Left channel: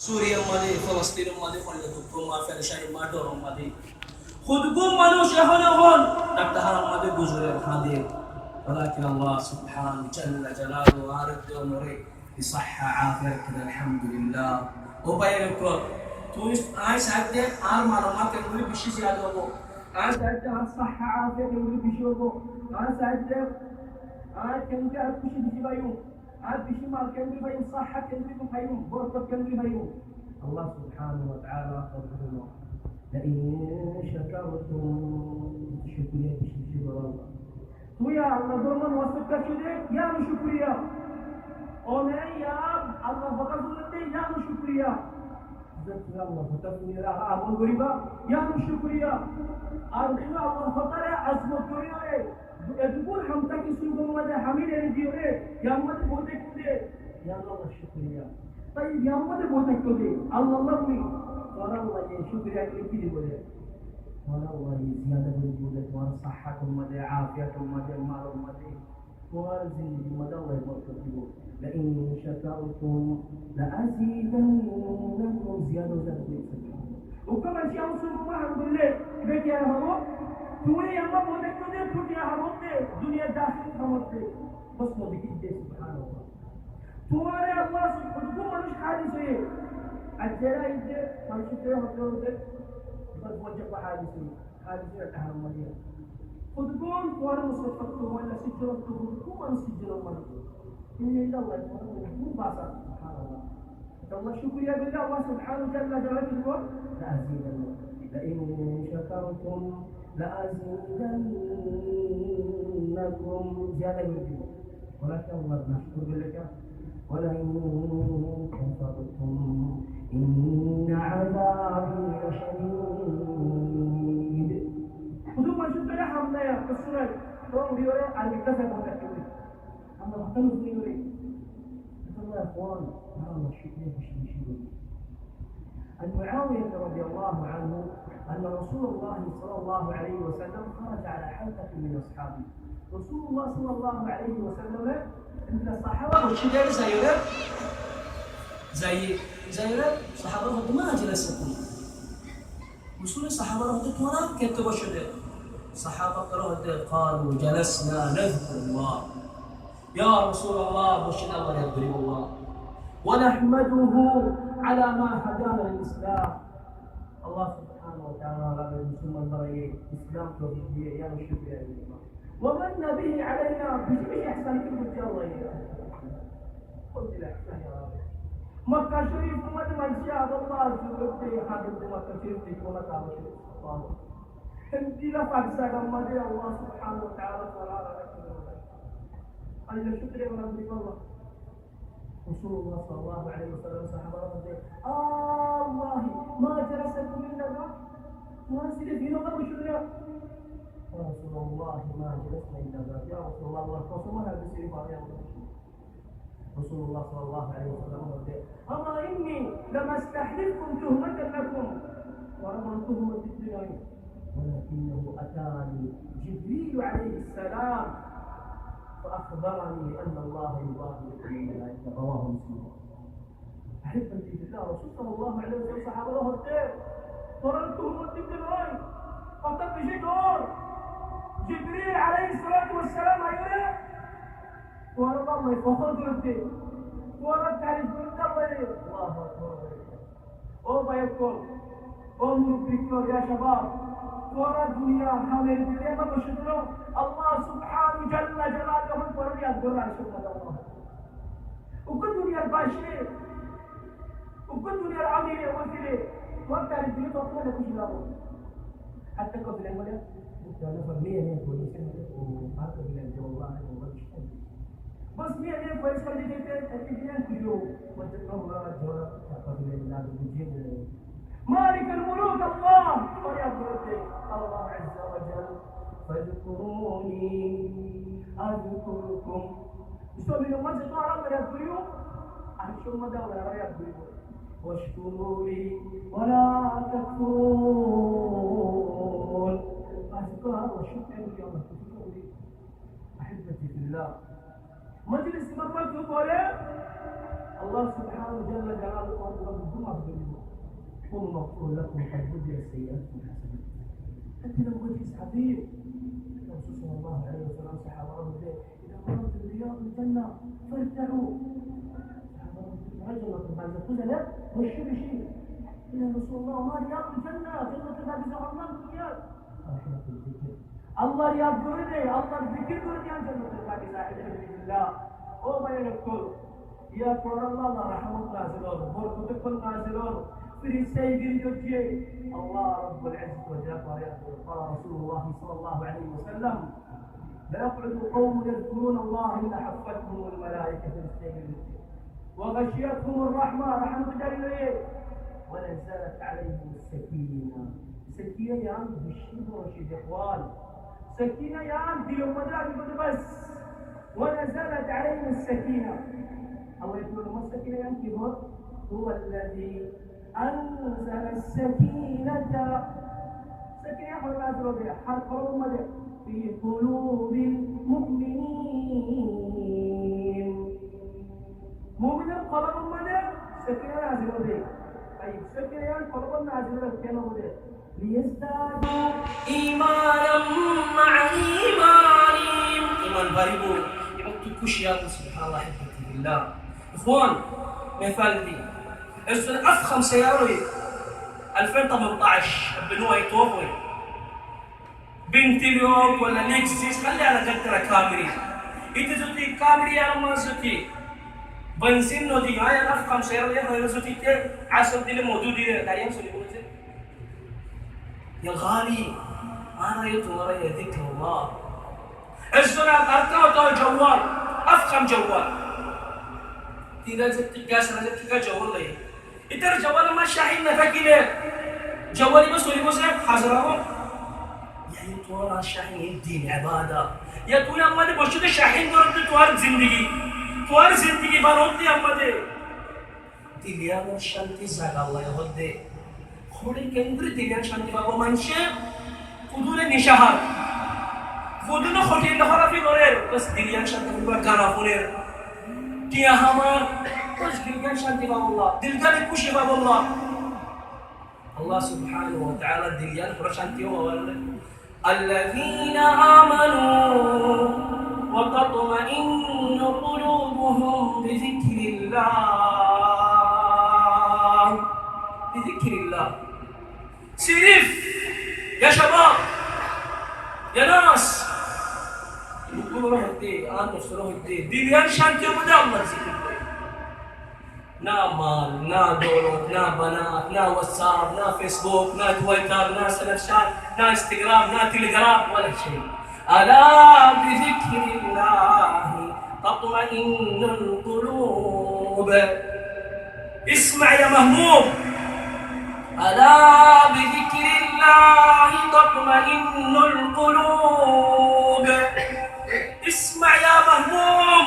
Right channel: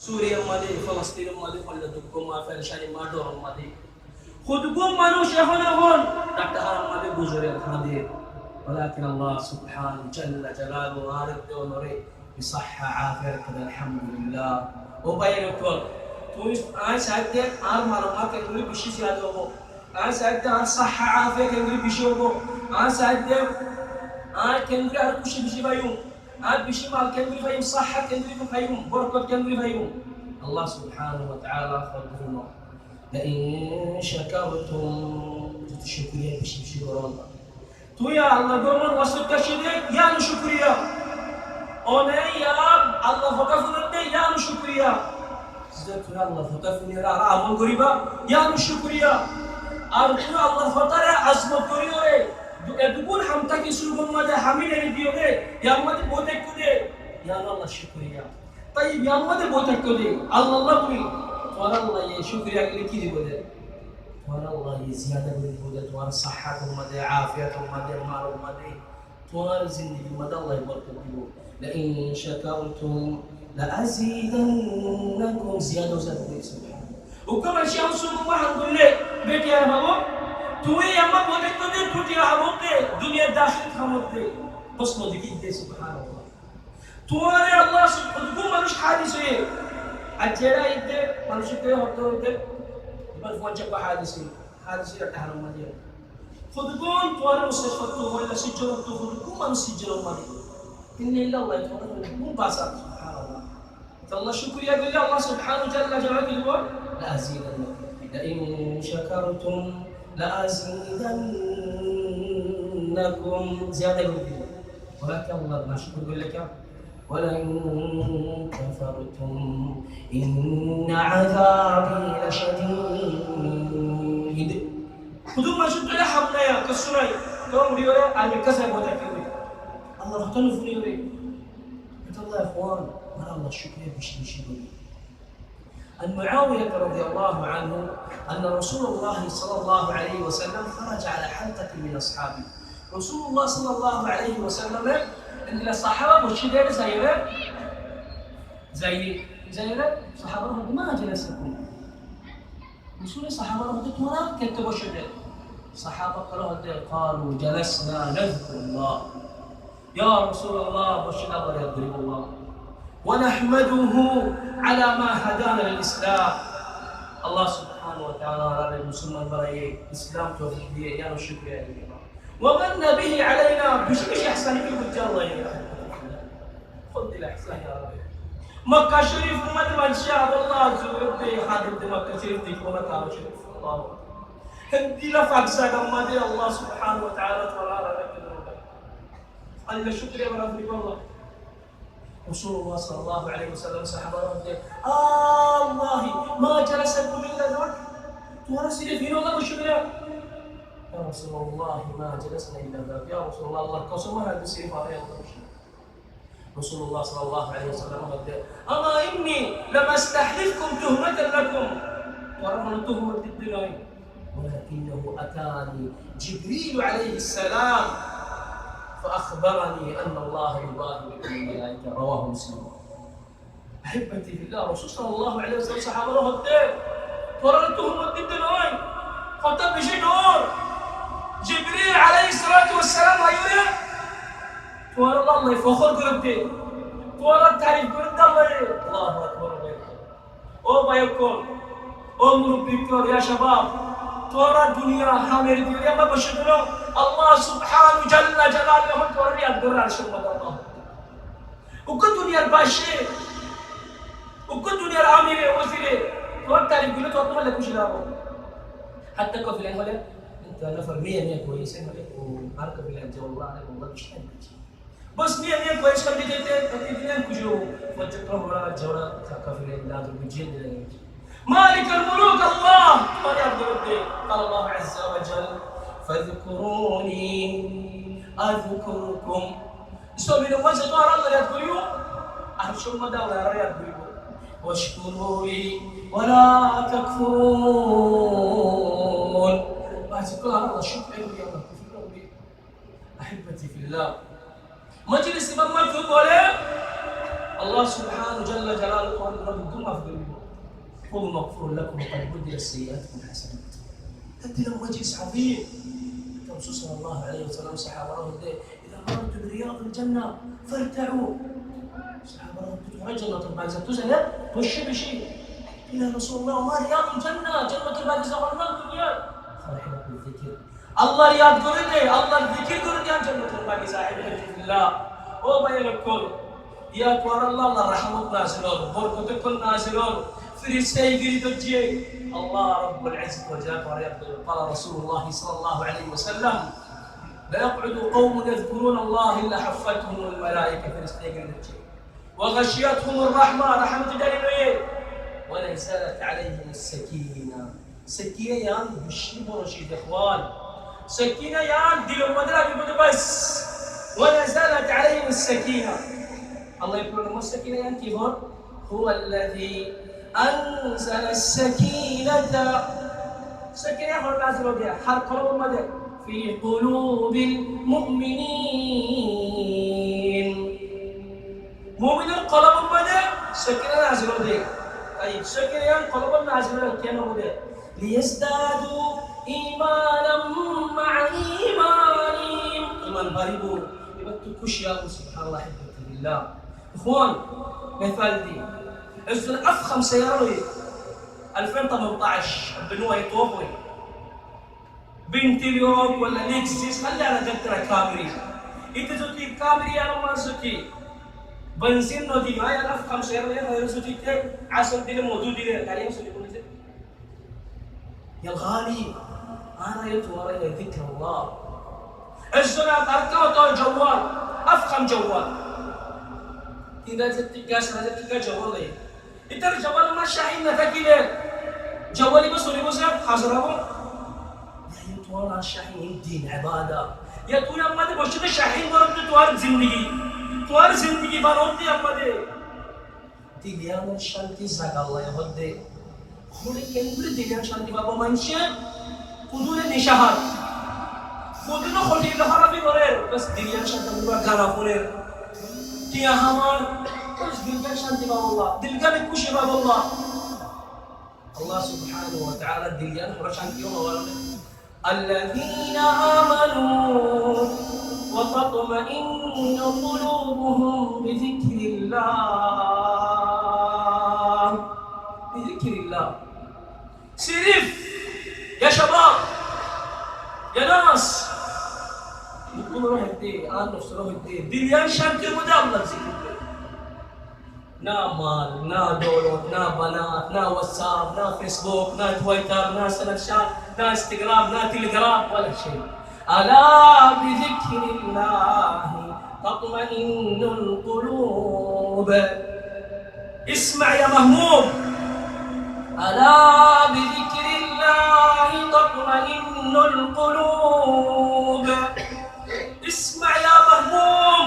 সুরিয়ার ফলস্তিনের ফলে দুঃখ ফেরেশানি ডরম খুদগুম মানুষ এখন ডাক্তার হারাম গুজরের হাঁদে ولكن الله سبحانه جل جلاله وارد ونوري بصحة عافية كده الحمد لله وبينك তুই আই সাইডে আর মালুমাত এগুলি বেশি জিয়াদ হবো আর সাইডে আর صحة عافية এগুলি বেশি হবো আর সাইডে আর কেন্দ্রে আর খুশি বেশি পাইও আর বেশি মাল কেন্দ্রে পাইও صحة কেন্দ্রে পাইও বরকত কেন্দ্রে পাইও আল্লাহ সুবহানাহু ওয়া তাআলা ফরমানো لئن شكرتم تشكريا বেশি বেশি করুন তুই আল্লাহ গমন ওয়াসুদ কাশিদে ইয়ান শুকরিয়া ওনে ইয়া আল্লাহ ফকাফুনতে ইয়ান শুকরিয়া যে তুই আল্লাহ ফকাফুনের আর আমল করিবা ইয়ান শুকরিয়া আর তুই আল্লাহ ফতারে আজমত করিও রে দুগুণ হামতা কি সুরগুন মাঝে হামিল এনে দিও রে ইয়ার মধ্যে বোঝাই করে ইয়ান আল্লাহ শুকরিয়া তাই ইয়ার মধ্যে বোঝাই করে আল্লাহ বলি তোর আল্লাহ এই শুকরিয়া করে কি দিব রে তোমার আল্লাহ জিয়াদা করে দিবে তোমার সাহাতের মধ্যে আফিয়াতের মধ্যে মালের মধ্যে তোমার জিন্দেগির মধ্যে আল্লাহ বরকত দিব لئن شكرتم لأزيدنكم زيادة زادة سبحانه وكما شاء الله الحمد لله বেটি আর বাবা তুই আমার বলে তো টুটি হাবতে দুনিয়া দাখিল খামতে প্রশ্ন দেখি দে সুবহানাল্লাহ তোমারে আল্লাহ সুবহানাহু মানুষ হাদিস হয়ে আর যেটা ইতে মানুষকে হতে بل وجب حادثي حادثي التحرم مدير خذكون طوال مستشفى ولا سجلوا خذكون من سجلوا مدير إن إلا الله يتوقف مو باسط سبحان الله الله شكر يا الله سبحانه جل جلاله لأزيدنكم لئن شكرتم لأزيدنكم زيادة ولكن الله ما شكر لك ولئن كفرتم إن عذابي لشديد خذوا ما شئتم يا حمنا كسرائي كم ريورا عن كسر وتكوي الله اختلف في ريوري الله يا اخوان ما الله الشكر بشي عن معاوية رضي الله عنه أن رسول الله صلى الله عليه وسلم خرج على حلقة من أصحابه رسول الله صلى الله عليه وسلم إن الصحابة والشدائد زيرة صحابة ما جلسكم رسول الصحابة تمرا كتبوا شدائد صحابة قالوا جلسنا نذكر الله يا رسول الله بشر الله يضرب الله ونحمده على ما هدانا للإسلام الله سبحانه وتعالى على المسلمين برأي إسلام توحيدية يا الشكر يا الله ومن به علينا بشكل إحسان في وجه الله يا خذ الإحسان يا رب مكة شريف ما شاء الله زورت حادث مكة شريف تكون كعبة شريف الله هدي لفظ سلام الله سبحانه وتعالى تبارك الله شكر يا رب الله رسول الله صلى الله عليه وسلم صحابه الله ما جلسكم الا ذكر ورسل في الله شكر يا رسول الله ما جلسنا الا ذاك يا رسول الله قسم هذا السيف عليه رسول الله صلى الله عليه وسلم قال اما اني لما استحلفكم تهمه لكم ورغم تهمه الدنيا ولكنه اتاني جبريل عليه السلام فأخبرني أن الله يباهي بكم الملائكة رواه مسلم أحبتي في الله رسول صلى الله عليه وسلم صحابة له الدين فررتهم الدين دلوي خطب بشي نور جبريل عليه الصلاة والسلام أيوه توار الله يفخر قلبتي توار التعريف قلبت الله أكبر أو بايكم أو مربيكم يا شباب توار الدنيا حامل الدنيا ما بشدنا الله سبحانه جل جلاله هم توري أقدر على شو الله وكل دنيا الباشر وكل دنيا العامل وزير تور تعرف كله تور ما لك مشكلة حتى كفيلين ولا أنت نفر مية كويسين ولا وهذا كفيلين جو الله عليه والله مش بس مية كويس كم جيت تدين كجو وتكره ولا جورا كفيلين لا تبجيد مالك الملوك الله قال الله عز وجل فاذكروني أذكركم استوى من وجه طار الله يذكروا أرشم دولة يذكروا واشكروا لي ولا تكفرون فاذكر الله شكرا لي ولا تكفرون لي أحبتي في الله مجلس إمام مكتوب ولا الله سبحانه جل جلاله قال ربكم أفضل قل مغفور لكم وقد بدل سيئاتكم حسنات. أنت لهم مجلس عظيم. الرسول صلى الله عليه وسلم صحابة إذا مررت برياض الجنة فارتعوا. صحابة تدخل الجنة الباقزة تزهل وش بشيء إلى رسول الله ما رياض الجنة جنة الباقزة والنار الدنيا قال حلق الذكر الله رياض قرده الله الذكر قرده عن جنة الباقزة عبد الله وبين الكل يا توار الله رحمة نازلون بركة نازلون فريسي قريد الله رب العزة وجل قال رسول الله صلى الله عليه وسلم لا يقعد قوم يذكرون الله إلا حفتهم الملائكة فريسي قريد وغشيتهم الرحمة رحمة دليل ونزلت عليهم السكينة. سكينة يعني بالشيء ورشيد إخوان سكينة يعني دي المدرسة بس ونزلت عليهم السكينة. الله يقول لهم السكينة يعني كيف هو الذي أنزل السكينة سكينة هو نازل بها حرق قلوب المدى في قلوب المؤمنين مؤمن قلب المدى سكينة نازل بها. طيب سكينة يعني قلب نازل بها كيف مدى ليزدادوا إيمانا مع إيمانهم إيمان باربو يبتكوش يا سبحان الله حبيبي بالله. إخوان مثال دي السنة أفخم سيارة 2018 بنوها يتوقعي بنتليوك ولا ليكسيس خلي على جدرة كامري إنت زوتي كامري يا رمان زوتي بنزين نودي هاي أفخم سيارة يا زوتي تي عصر دي موجود دي لا يمسوني بنزين يا غالي أنا يطور يا ذكر الله. السنة أركض جوال أفخم جوال tidak tegas saja kita jawab lagi. Itu jawab mana Syahin nak kira jawab itu sorry bos ya hazrawo. Ya itu orang Syahin din ibadah. Ya tu yang mana bos itu Syahin orang tu tuar zindagi barom tu yang mana. Dilihat shanti zaga Allah yang hode. Khulik kendri dilihat shanti bapa manusia kudunya nishahar. Kudunya khodi lahara fi gorer. Bas dilihat shanti bapa gara gorer. Dia hamar, terus dilkan shanti Allah, dilkan kushi Allah. Allah Subhanahu wa Ta'ala dilkan shanti Allah. Alladzina amanu wa tatma'innu qulubuhum bi dzikrillah. Bi dzikrillah. Sirif ya syabab, ya nas. يقول روح الدين أنا نفس روح الدين ديان شانتي وبدأ الله ذكر نا مال نا دولار نا بنات نا واتساب نا فيسبوك نا تويتر نا سناب شات نا انستغرام نا تليجرام ولا شيء. ألا بذكر الله تطمئن القلوب. اسمع يا مهموم ألا بذكر الله تطمئن القلوب. اسمع يا مهموم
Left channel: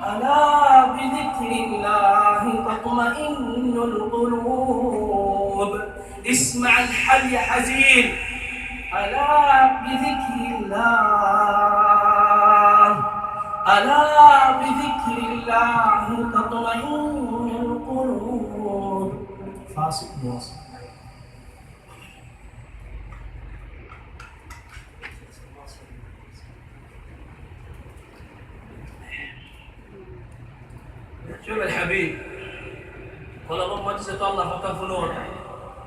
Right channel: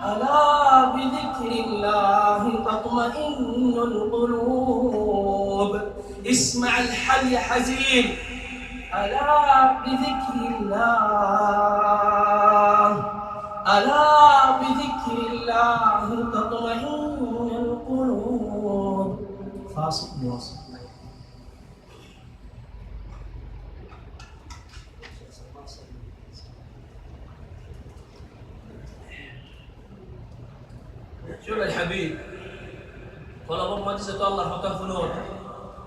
ألا بذكر الله تطمئن القلوب. اسمع الحل يا حزين ألا بذكر الله ألا بذكر الله تطمئن القلوب. فاصل مواصل. شوف الحبيب قلب ما جزت الله فتح فنور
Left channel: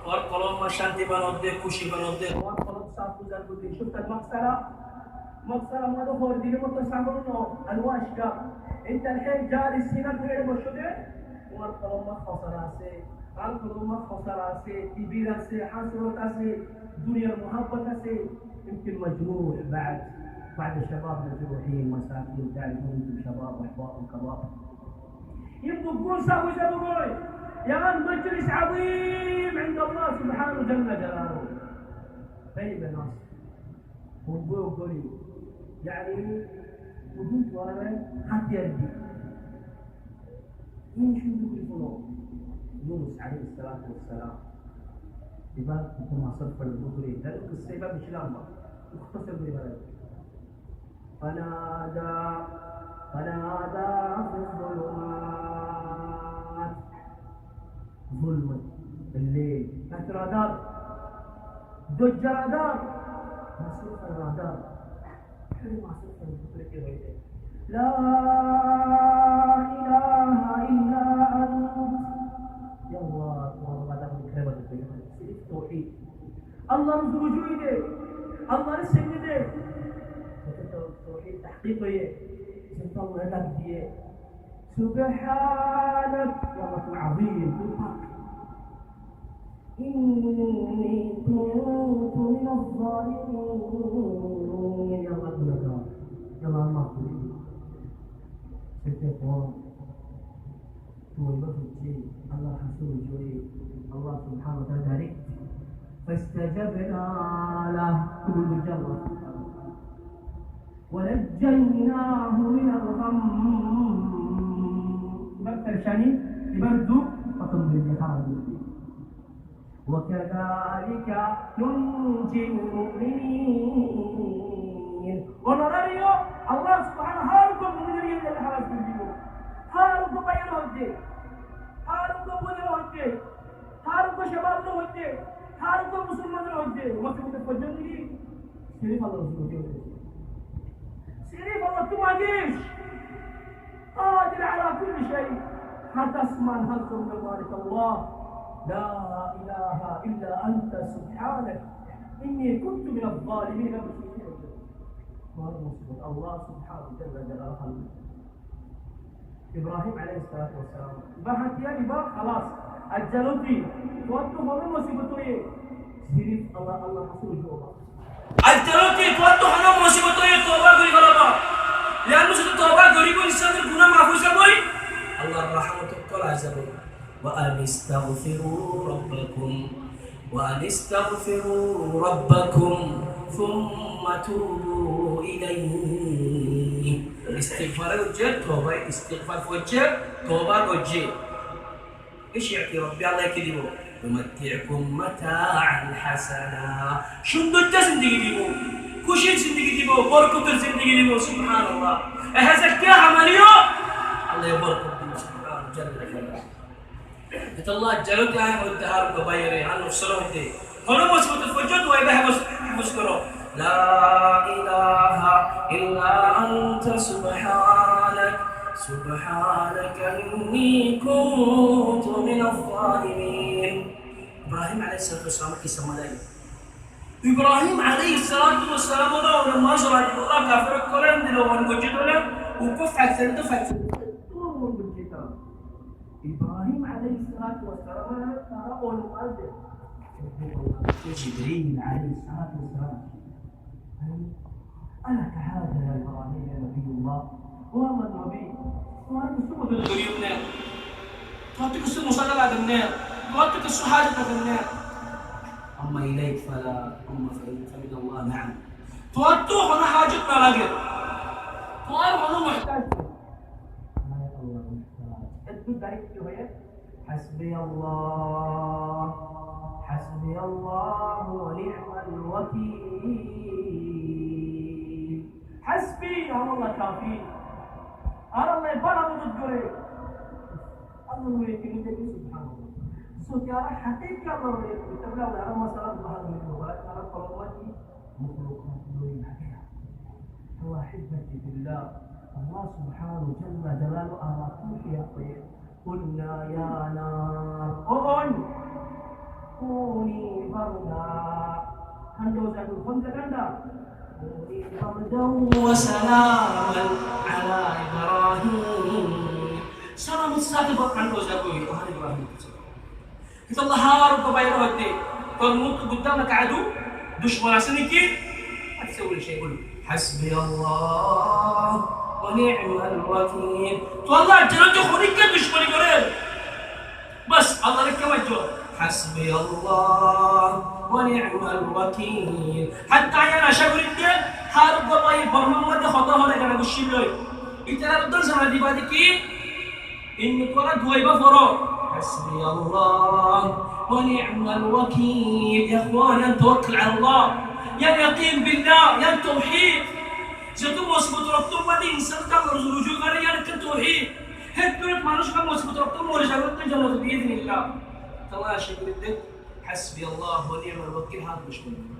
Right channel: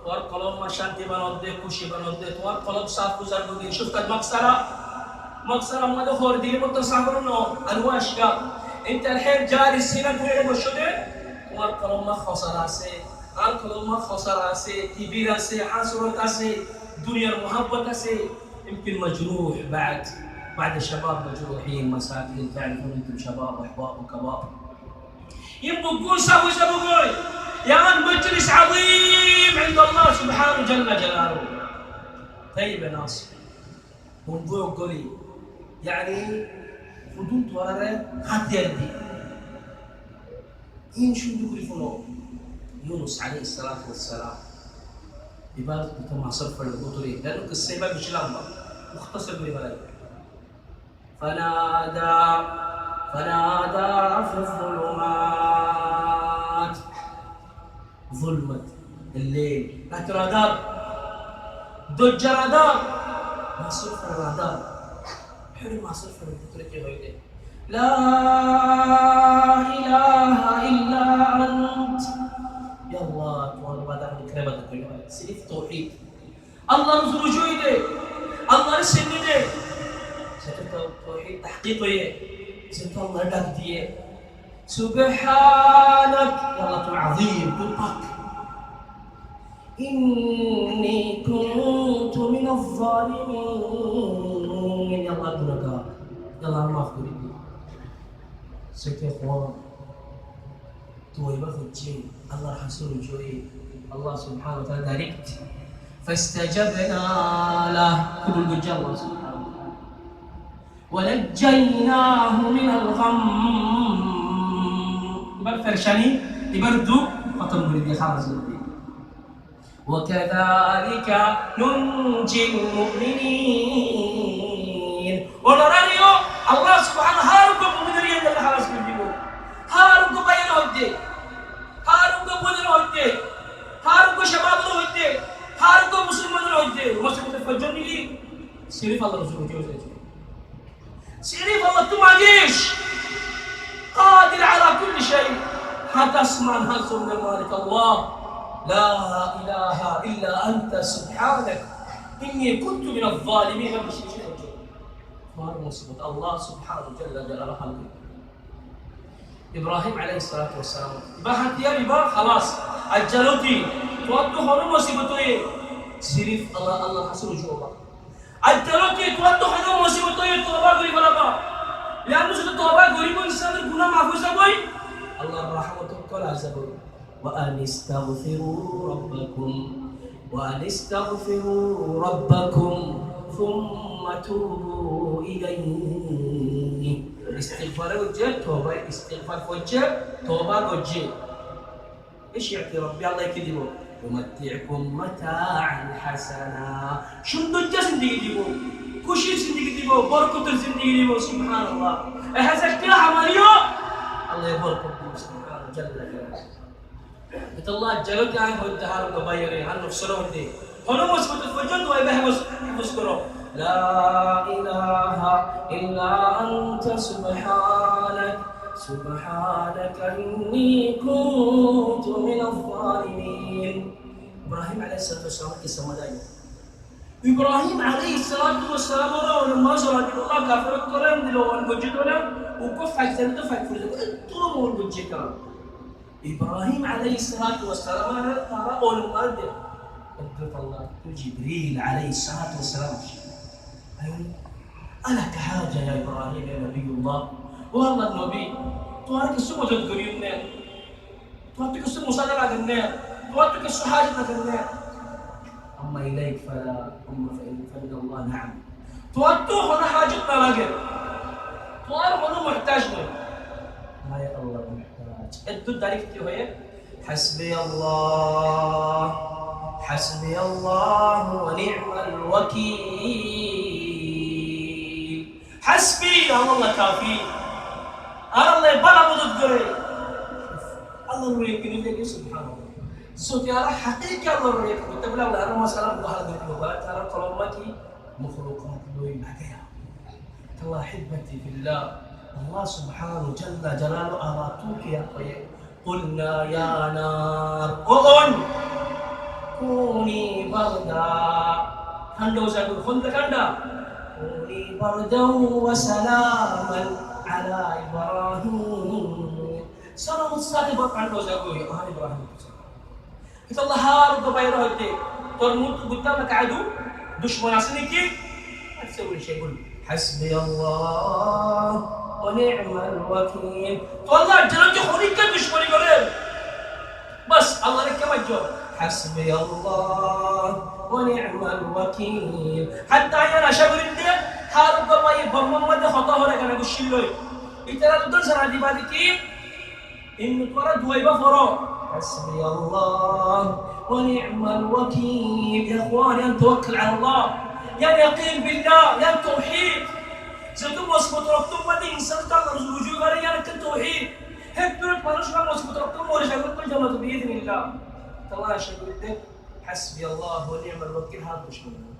وقلب ما شانتي بنودك كوشي بنودك وقلب ساف كوزار بدين. شفت مكسرة ما دخور دي متصابر إنه أنواش كا أنت الحين جاري السنة تقول بشدة وقلب ما خسر أسي قلب ما خسر أسي كبير أسي حاسرة أسي دنيا المحبة أسي يمكن مجروح بعد الشباب مجروحين مساكين تعرفون أنتم شباب أحباب وكباب يبقون سوي يعني مجلس عظيم عند الله سبحانه جل جلاله. طيب يا ناس موضوع قولي يعني خدون توارى حتى يدي إن شو يقولونه يونس عليه الصلاة والسلام ببالغ بتم صرف البطري لأنه السبب مش لمبة مختصر ببالغ فنادى في الظلمات ظلمة الليل، রাতের আঁধার, দজ্জাল আঁধার, মাসরুফের আঁধার, হেরে মাসরুফের ভিতরে কি হইলে লা ইলাহা ইল্লা আন্ত, ইয়া আল্লাহ তোমার ইবাদত করে ইবাদত করি না, সিরিফ তাওহীদ, আল্লাহর রুজুই দে, আল্লাহর সিন্নি দে, সেটা তো তাওহীদ তাহকিক হয়ে সেটা আল্লাহর ডাক দিয়ে সুবহানাক, ইয়া আল্লাহ তুমি আযীম, তুমি পাক, ইন্নী কুনতু মিনাজ জালিমিন, ইয়া আল্লাহ গুনাহগার, ইয়া আল্লাহ মাফ করে দিও। সেটা কোন تويبا فجي الله حسن جوي الله سبحانه وتعالى داركت فاستجبنا له كل الجل الله سبحانه وتعالى ونجيناه من الغم، يبقى فرشاني يبردو ختم بريد خلاص وكذلك ننجي المؤمنين، ونرانيو الله سبحانه هاركم من ريال الله خلاص بيجيبو هاركم بيان هودي هاركم بدر هودي هاركم شباب هودي هاركم مسلمان هودي مسلمان فجرني لي سيرف الله رسول الله سيرف الله تماجيش قادر على كل شيء هتسمع هزم من مالك الله لا إله إلا أنت سبحانك إني كنت من الظالمين. ما بشي شيء مار مصيبة الله سبحانه جل جلاله خلقه إبراهيم عليه الصلاة والسلام بحث يا بابا خلاص أجلوتي تواتو هنو مصيبته إيه سيرف الله الله حسن جوابا أجلوتي تواتو هنو مصيبته إيه توبة غري غلبا لأنه سيد توبة غريب إنسان الغنى محفوظة بوي الله الرحمة كل عزبه وأن استغفروا ربكم ثم توبوا إليه. استغفار وجه توبة، استغفار وجه توبة وجه. إيش يعطي ربي الله يكذبه يمتعكم متاعا حسنا، شنو الجسندي ديبو كوشين سندي ديبو بركة الزندي ديبو سبحان الله. هذا كيا عمليو الله يبارك فيك سبحانه جل جلاله. قلت الله جلوت عين هو الدهار كبيري عنه الصلاة دي هنا مسبوط الفجر ويبه مسكره لا إله إلا أنت سبحانك إني كنت من الظالمين. إبراهيم عليه الصلاة والسلام كيسا مدائي إبراهيم عليه الصلاة والسلام لما زرع الله كافر الكلام دلو وانقجد ولا وكف على الثلاثة فالفرد طول مول بجي كلام إبراهيم عليه الصلاة والسلام قال أول مؤذن قدرت الله جبريل عليه الصلاة والسلام ألك حاجة يا إبراهيم يا نبي الله والله النبي توارك السمو تدريبنا توارك السمو صلى على توارك السمو حاجة تدريبنا أما إليك فلا أما فمن الله نعم توارك هنا حاجتنا لك توارك هنا محتاجنا لا يا الله الدود تعرفتي هي حسبي الله ونعم الوكيل. حسبي الله كافي الله يبلا مدد قري الله يريد لك سبحان الله صوت يا حقيقة الله يريد تبلا ولا أنا مثلا بحال ذي بقى ترى كلامتي مخلوقات لوين حكيها الله حبتي في الله الله سبحانه جل جلاله أراتوك يا أخي قلنا يا نار كوني بردا هندو زادو خند كندا كوني بردا وسلاما على إبراهيم سلام الساكب هندو زادو يوحنا إبراهيم إذا الله هارب بيره هدي ترموت قدامك عدو دشمن عسنكي ما تسوي شيء قول حسبي الله ونعم الوكيل. والله جلد خليك دشمني قريب بس الله لك وجه حسبي الله ونعم الوكيل. حتى أنا شغل الدين حارب الله بمم ودي خطاه لك أنا بشيله إتلا تدل سنة دي بعد كي إن تورا دويبا فرو حسبي الله ونعم الوكيل. يا إخواني أن توكل على الله يا يقين بالله يا توحيد যেহেতু মজবুত রক্ত মানে ইনসানটা রুজু করে ইয়ার কে তাওহীদ হেড পেট মানুষ কা মজবুত রক্ত মরে যাবে তো জান্নাত দিয়ে দিন আল্লাহ تماشى قلت حسبي الله ونعم الوكيل هذا مش منه.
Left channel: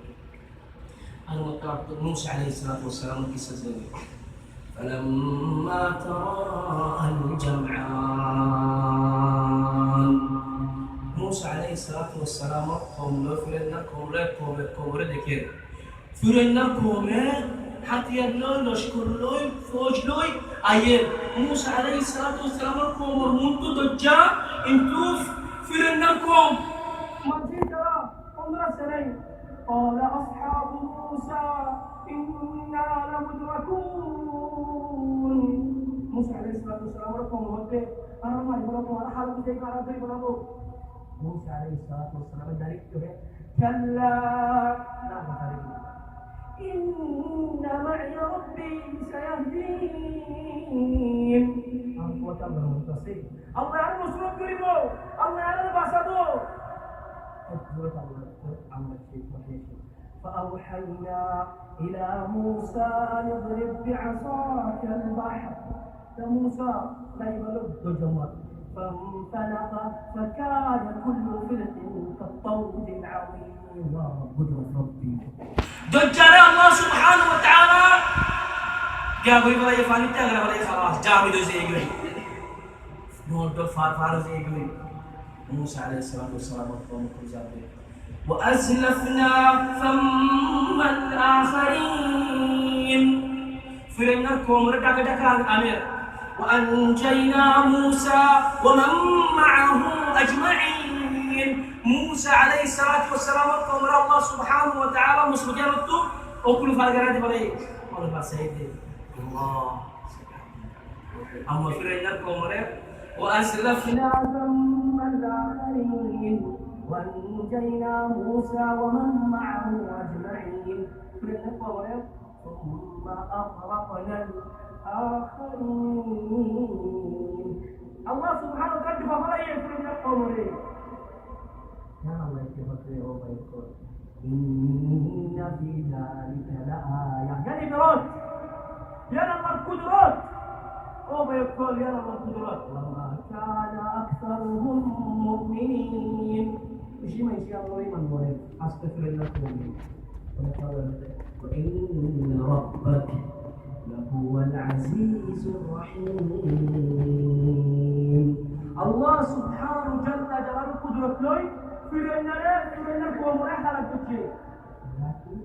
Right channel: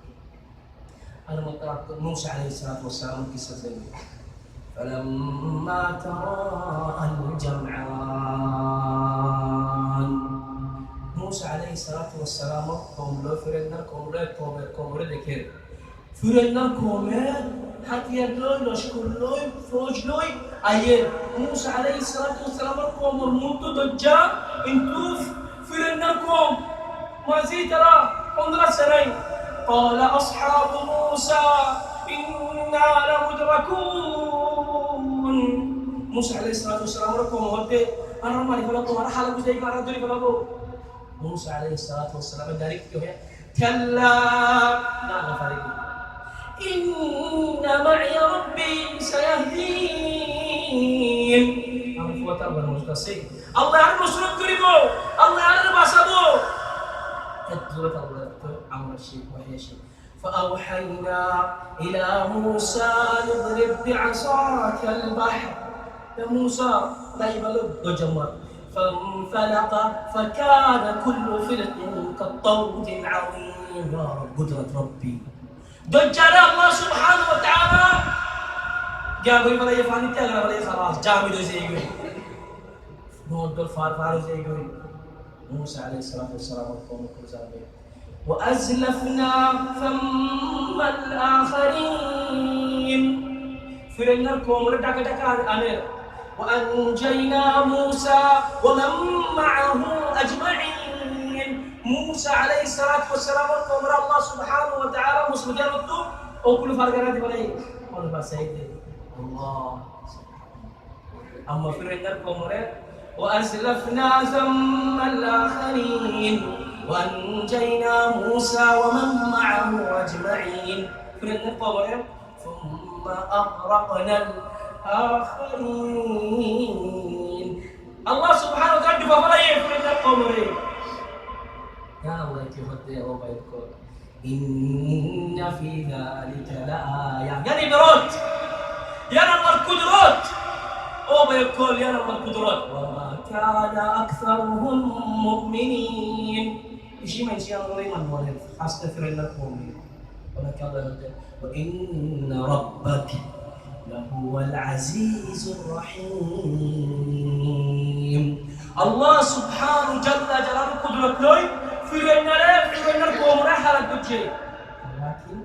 أنا مطلع موسى عليه الصلاة والسلام قصة زي فلما تراءى الجمعان موسى عليه الصلاة والسلام قوم له قوم ذكر فرنا قوم حتى يدلون لشكر لوي فوج لوي أيه موسى عليه الصلاة والسلام قوم المنتو دجا انتو فرنا قوم مزيد ترى 15 سنة قال أصحاب موسى إنا لمدركون موسى عليه الصلاة والسلام ركوم ودي أنا ما لفلقوا أنا حالة بزيك أنا دوري فلقوا موسى عليه الصلاة والسلام دارك كيوه كلا لا نفرق إن معي ربي سيهدين أنا فوتر بالمستسيق الله يعلم مسلم كريمو الله يعلم باسبو كتبت الله عمر الشيء وهي شيء فأوحينا إلى موسى اضرب بعصاك البحر يا موسى لا يبلغ دجمر فانفلق فكان كل فرق كالطود العظيم يا رب قدرة ربي دجال الله سبحانه وتعالى جابوا بلا يفاني تغرى بلا خلاص جامي دو زيغوي نود فار زيغوي موسى عليه الصلاة والسلام وقوم كرزابي وأزلفنا ثم الآخرين فرنا قوم ردك أمير وأنجينا موسى ومن معه أجمعين موسى عليه الصلاة والسلام وقوم الله سبحانه وتعالى مسلمين رتو وكل فرقنا بلاي قال بسيد الله أما فرنا قوم وأزلفنا ثم الآخرين وأنجينا موسى ومن معه أجمعين فرنا قوم ثم أغرقنا الآخرين الله سبحانه وتعالى فبلاي فرنا قوم يا الله يتهدى وبيقول إن في ذلك لآية يعني برد يا رب القدرات أو بيقول يا رب القدرات وما كان أكثرهم مؤمنين إيش ما يصير الله من ولد أستغفر الله مؤمن وإن ربك لهو العزيز الرحيم الله سبحانه جل جلاله قدرة لوي في النار قوم رحلة تجري لكن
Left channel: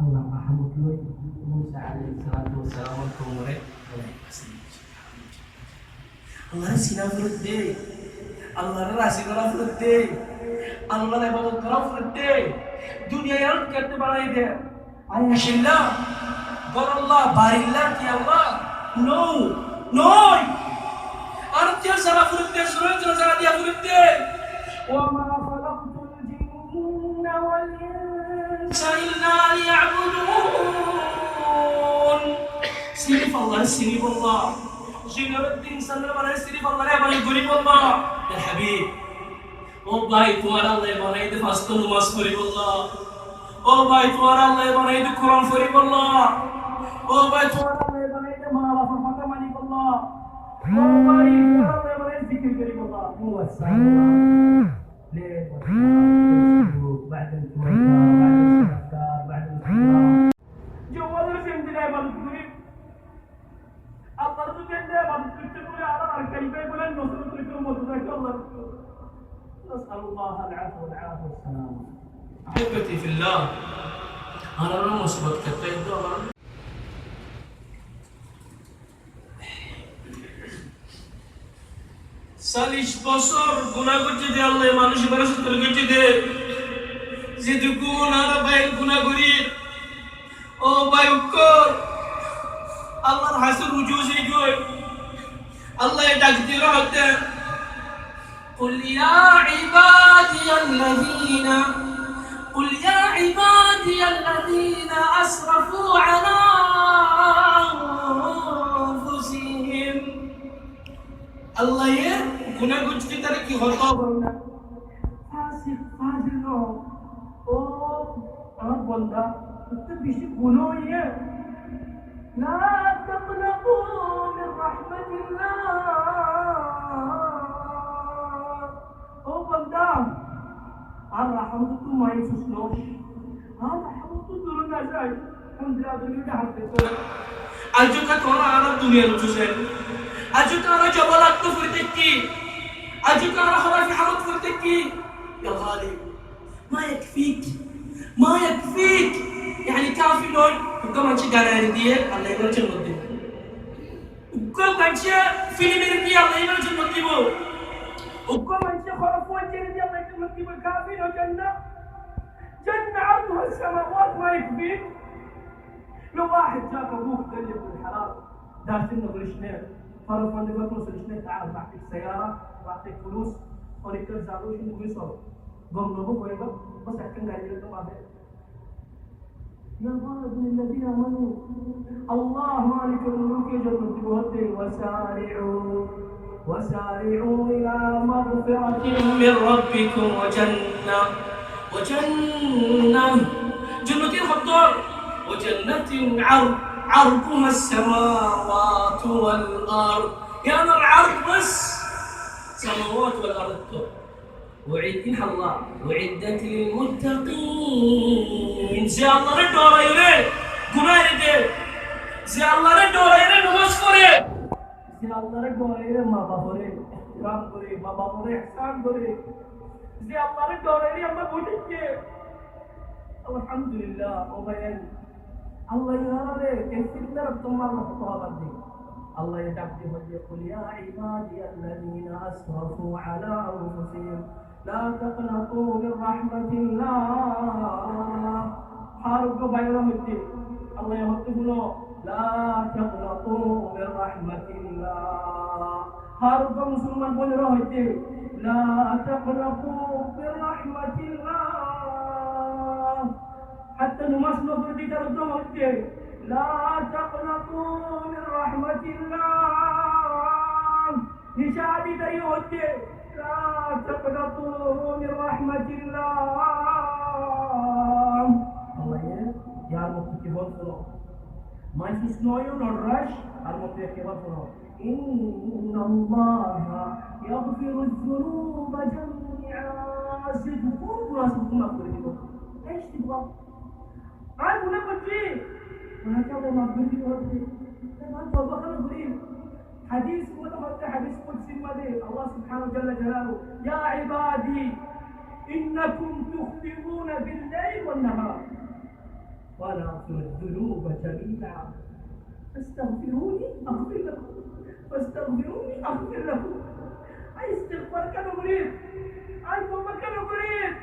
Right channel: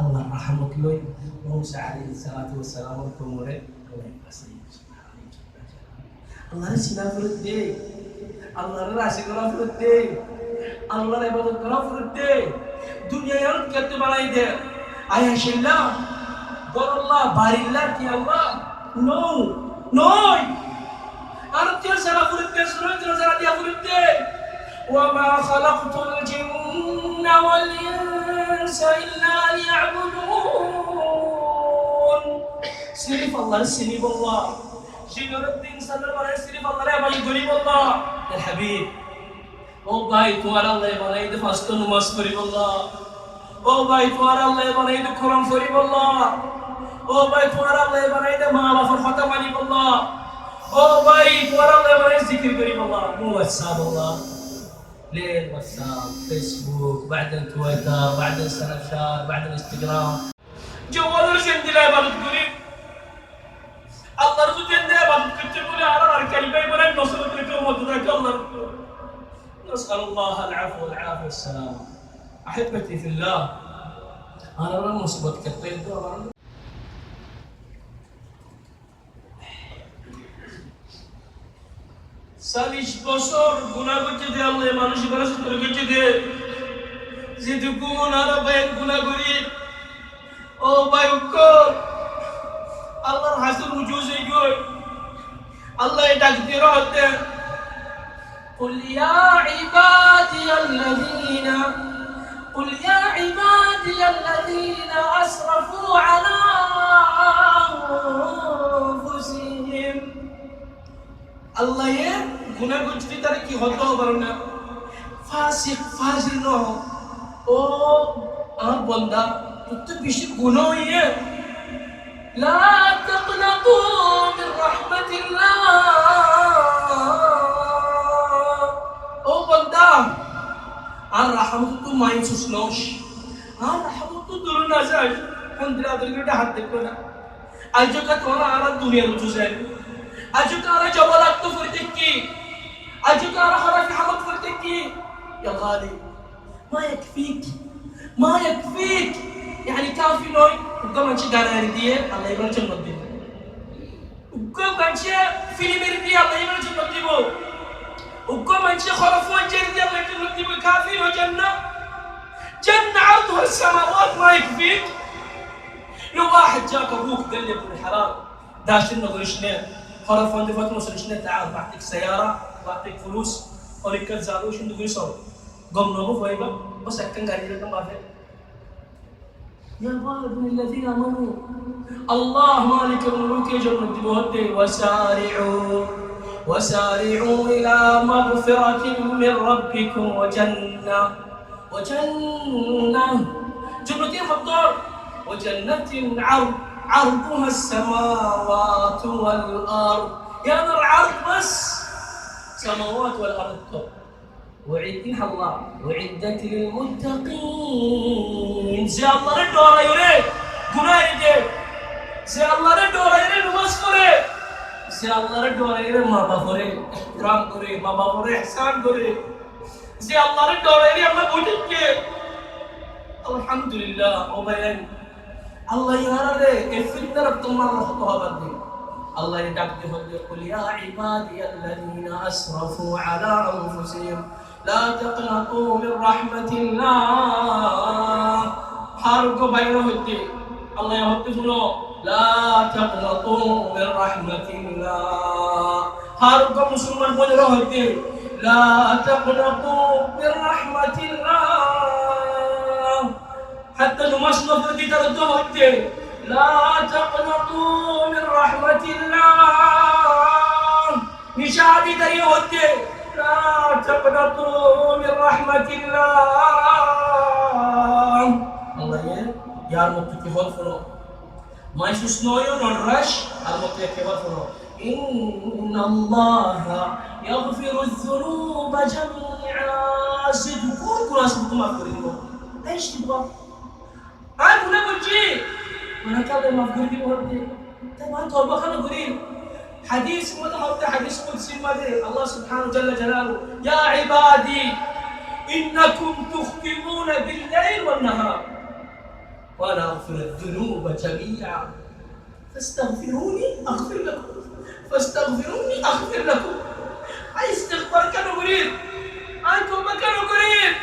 الله رحمك لوي موسى عليه الصلاة والسلام قوم الله سينا فرده الله راسي كلا فرده الله لبابا كلا فرده دنيا يرد كتب عليه ده أيه شيلا قال الله بارك الله يا الله نو أرجع سلا فرده سورة سلا dia فرده وما خلقت الجن والإنس إلا ليعبدون سيرف الله سيرف الله جنور الدين سنة بنا سيرف الله لا بل غريب الله يا حبيب او ভাই তোমার আল্লাহ বানাইতে ফাস্ট নামাজ পড়িব আল্লাহ ও ভাই তোমার আল্লাহ বানাইতে কোরআন পড়িব আল্লাহ ও ভাই তোমার আল্লাহ বানাইতে মা বাবার কথা মানিব আল্লাহ ও ভাই তোমার আল্লাহ বানাইতে জিকির করিব আল্লাহ মুওয়াসাল আল্লাহ ليل واتساب فيسبوك بعدين تويتر بعدين سناب شات بعدين انستغرام جوال الجند لا يبالغ قريب الله رزق جند يبالغ كتب لي على الكلمه يبالغ نصرت لكم وتذاك الله نسال الله العفو والعافيه والسلامه احبتي في الله انا رمس بكتب دور সালিশ বছর গুনাহ করতে দে আল্লাহ মানুষের বড় সতর করতে দে যেটুকু আর ভাই গুনাহ করি ও ভাই উকর আল্লাহর হাসর রুজু হয়ে গই আল্লাহ ডাক দিয়ে রহতে قل يا عبادي الذين أسرفوا على أنفسهم الله يا গুনাহ করতে তারে কি হতো পারে না ফাসিক ন ও আমার বান্দা তুই বেশি গুনাহ হইয়ে লা তাকনাতু মির রাহমাতিল্লাহ ও বান্দা sahabat tu main susnos. Sahabat tu turun nazar. Kondra dulu dah hati kau. Ajo kat orang Arab dunia lucu saya. Ajo kara jabalat tu furteki. Ajo kara kharafi hamad furteki. Ya ghali, ما يكفيك ما يكفيك يعني كافي نوي وكم أنشي دانا يرديه الله يبارك جنة ديه وكم أنشي فيلم يرديه الله يبارك جنة ديه وكم أنشي خرافون يرديه الله يبارك جنة ديه كافي نوي جنة عرضها السماوات ما يكفيك لو واحد جاك أبوك قال لي ابن الحلال داشنا قريشنا خرافون دفعت مسلشنا تعال بعطيك سيارة بعطيك فلوس ولك زادوش ندو قريسو قم نمو فايبا بس أكن قاعد يلقى ما في يا ابن الذين آمنوا الله مالك الملوك جنة بوده وسارعوا إلى مغفرة من ربكم وجنة جنة خطور وجنة عرضها السماوات والأرض يا نار عرض بس سماوات والأرض وعدتها الله وعدت للمتقين زي الله ردورا يري قرآن دي زي الله ردورا يري نماز فري زي الله ردورا يري ما بفري احترام كري ما بفري احسان كري زي الله ردورا يري أما بوجدك الحمد لله وبين الله يرى الفتنة ربطم الله خطوها بدي الله يدعك قل يا عبادي الذين أسرفوا على أنفسهم لا تقنطوا من رحمة الله حارق بينه الدين الله يهدفنا لا تقنطوا من رحمة الله حارق مسلمان بينه الدين لا تقنطوا من رحمة الله حتى نماس نفردي تردوه الدين لا تقنطوا من رحمة الله نشادي دريه الدين لا تقنطوا من رحمة الله الله يا متكي هالفلو ما يسوسنويو نرش المتكي هالفلو إن الله يغفر الذنوب جميعا صدقون كنا صدقون ما فرينو ايش تبغى أنا نقول شيء أنا كلام ما فرينو هذي طبعا توبة خلنا نقولين حديث مذهب حديث قدسي مذهب الله سبحانه جل جلاله يا عبادي إنكم تخطئون بالليل والنهار وأنا أغفر الذنوب جميعا فاستغفروني أغفر لكم أي استغفار كانوا قريب أنتم ما كانوا قريب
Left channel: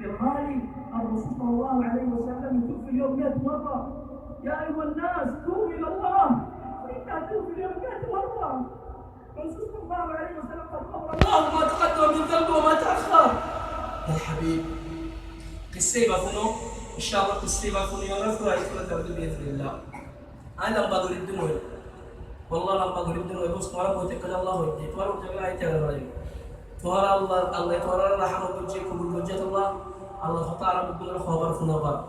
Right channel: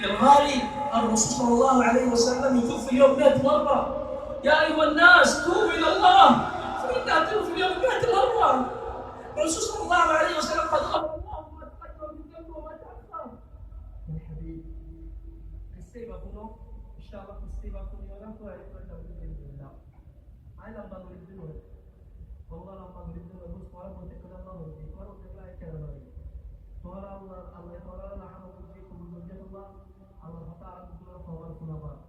يا غالي الرسول صلى الله عليه وسلم يتوب في اليوم 100 مرة يا أيها الناس توبوا إلى الله فإنها تتوب في اليوم 100 مرة الرسول صلى الله عليه وسلم قد غفر الله ما تقدم من ذنبه وما تأخر يا حبيب قصة بافونو إن شاء الله قصة بافونو يعرف رأيك ولا بإذن الله أنا لما بقول الدموع والله لما بقول الدموع بس مرة بوتك الله ودي تورا وتقول أي تغير رأيك تورا الله تورا رحمة بوجهك وبوجه الله الله تعالى بقول له خبر فنبر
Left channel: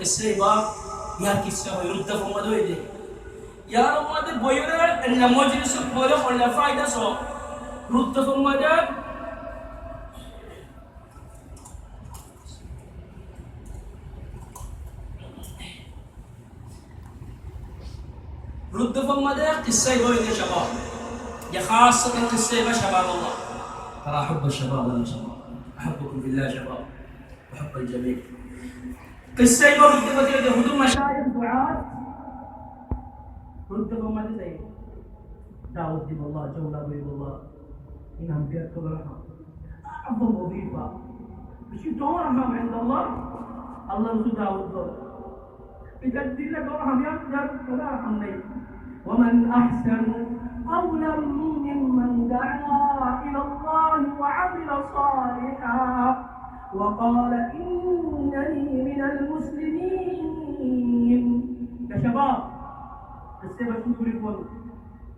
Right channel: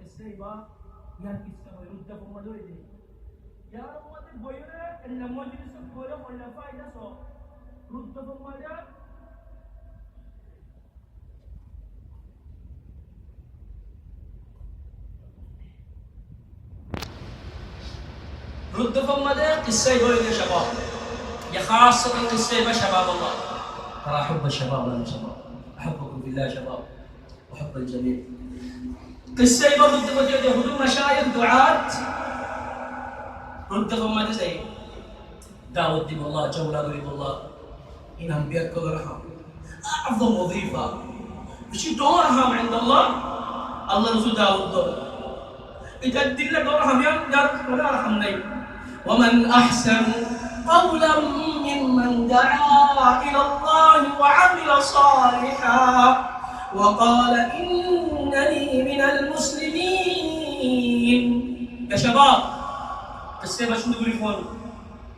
قصة باف يا قصة يرد فما دويدي يا رماد بويرة إن مجلس بوله ولا فايدة سو رد فما ده رد فما ده قصة بويرة شباب يا خاصة قصة بشباب الله ترى أحب الشباب ولا شباب أحبكم بالله شباب أحب الجميع قصة برد فما ده هدوء مشايخ دعاة رد فما ده زي داود دين الله جولة يريد الله إن أنبياء كبرها أعظم وظيفة مش دورها عند الله الله رسول داود دور إذا الدين دورها يا ولا رحمني ومن أحسن قولا ممن دعا إلى الله وعمل صالحا وقال إنني من المسلمين يا شباب قصة باش نقول لكم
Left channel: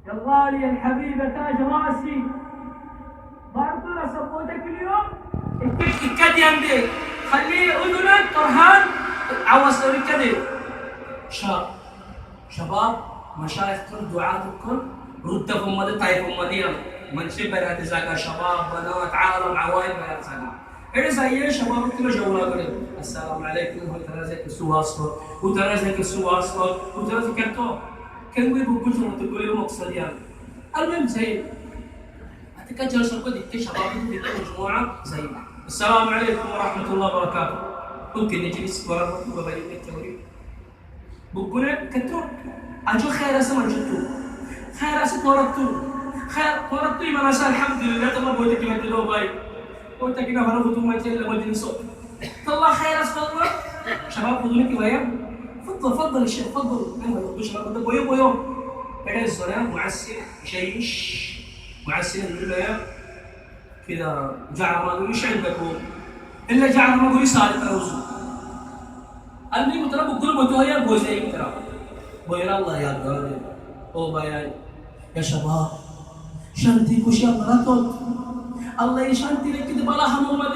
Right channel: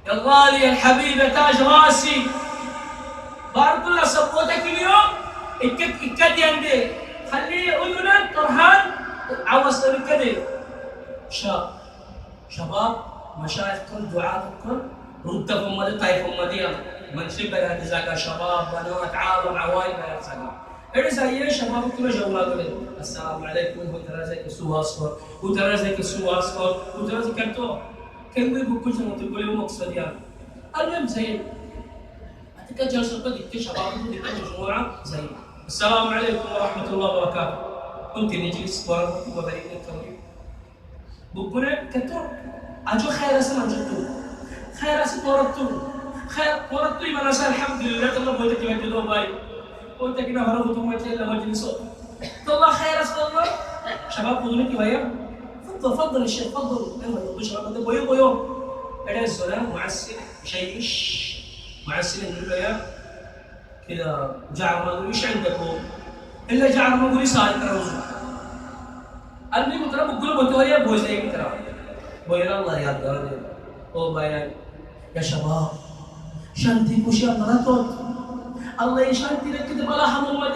يا الغالي يا الحبيب يا تاج راسي بارك الله صبوتك اليوم الكدي عندي خليه اذنك ترهان عوز الكدي شباب مشايخ كل دعاة كل ردكم مدى طيفهم مدينة من شبه هذه زكاة شباب بنات عالم عوائل ما يرزقون এটা যাইয়ে সবার তুলে জমলা করে আসসালামু আলাইকুম হুতারা যাকে সুওয়াস কর হুতারা যাকে সুওয়াস কর হুতারা যাকে তো كانوا يبقوا جنوط كل يوم مقصديان المهم زي أتذكر جلسة قد شباب في مجموعة زي السلام عليكم ورحمة الله وبركاته ممكن نجلس ورا وبريد التوريد بقولنا كتر أجو خير اسمه جتو خير اسمه قرطو خير قرطو إيمان أسأل الحمد لله الله بويتك ما تدو باي بويتك ما هرب وتوم ما تيجي لما جلسوا الله خير اسمه الله شباب بدونك ويا تفضل الشيخ تفضل انا بدي اشرب هذا بيو بيو بعدين السلام معسل شيش معسل نقول له يا كذا جعل ما اقول ايش عندكم الا جعل ما اقول يسال تروزو اللي مترى بقول له يا ابو زي ترى بويا الله يا دار او بيان يا شباب شانتي كوشي مراتوت الله يشانتي لك كده بلا محمد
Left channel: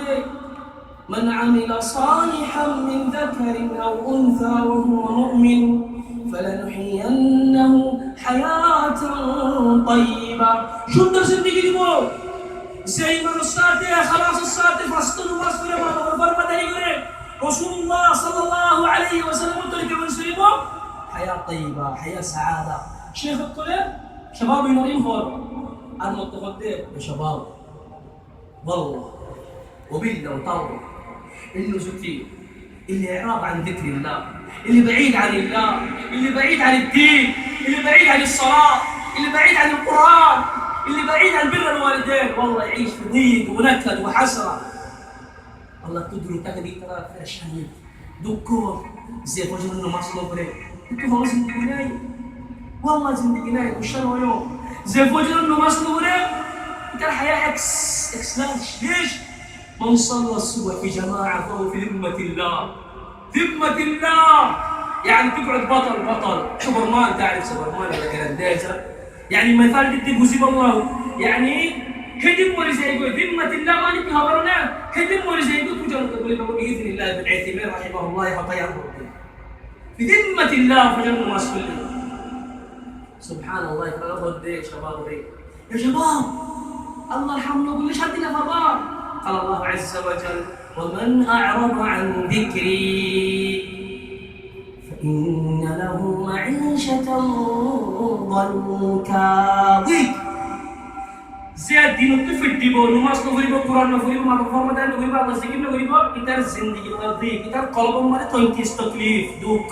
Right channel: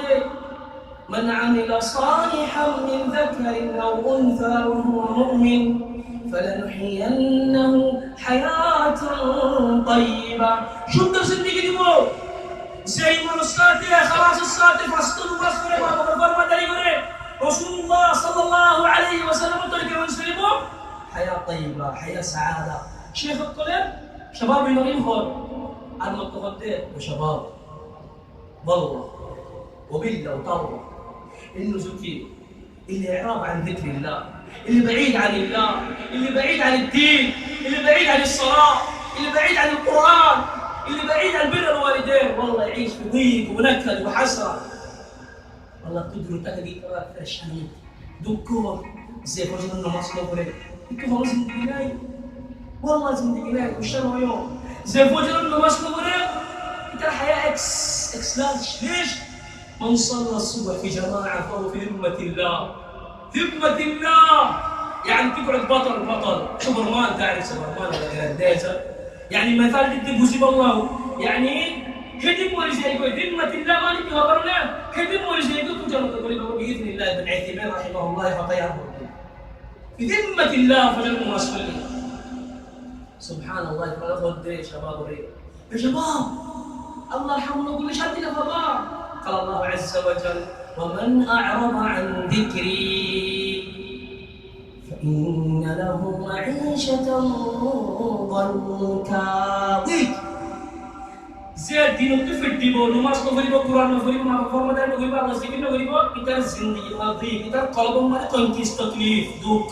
من عمل صالحا من ذكر أو أنثى وهو مؤمن فلنحيينه حياة طيبة شو الدرس اللي تيجي تقول زي ما الصادق خلاص الصادق فاستن واصبر ما بغفر ما داري رسول الله صلى الله عليه وسلم تلك من سلمه حياة طيبة حياة سعادة شيخ الطلب شباب ينورين فور المتغدر يا شباب والله وبالله وطالله انه زكي اللي اعراض عن ذكر الله اللي بعيد عن الله اللي بعيد عن الدين اللي بعيد عن الصلاة اللي بعيد عن القرآن اللي بعيد عن بر الوالدين والله يعيش في ضيق ونكد وحسرة الله تدري تكدي ترى في الشهيد دكور زي فوجنا انه مصلو بري انتو خلاص زندقناي والله زندقناي وشنو يوم زي فوجنا انه مصلو بري انت الحياة اكس ليش من صلى الصبح في جماعة فهو في ذمة الله ذمة الله يعني تقعد بطل سوبرمان تعرف سوبرمان ولا جرانديزا يعني مثال بدي بوزيب الله يعني هدم ولا زي يقول ذمة الله ما نبي خبرنا هدم ولا زي يقول تجرب تقول بإذن الله بن عثيمين رحمه الله يحطيه في ذمة الله فجنة مسؤول سبحان الله يقول له شباب يا شباب الله يرحمه يقول ليش هدي لفضاء قال الله عز وجل ومن أعرض عن ذكري فإن له معيشة ضنكا زياد دين الطفل ديبو نماز نفريبو قرآن نفريبو ما بفرمدان نفريبو الله ذكر نفريبو إتار زندگی نظيف إتار قلبم ماده تنكيس تكليف دوك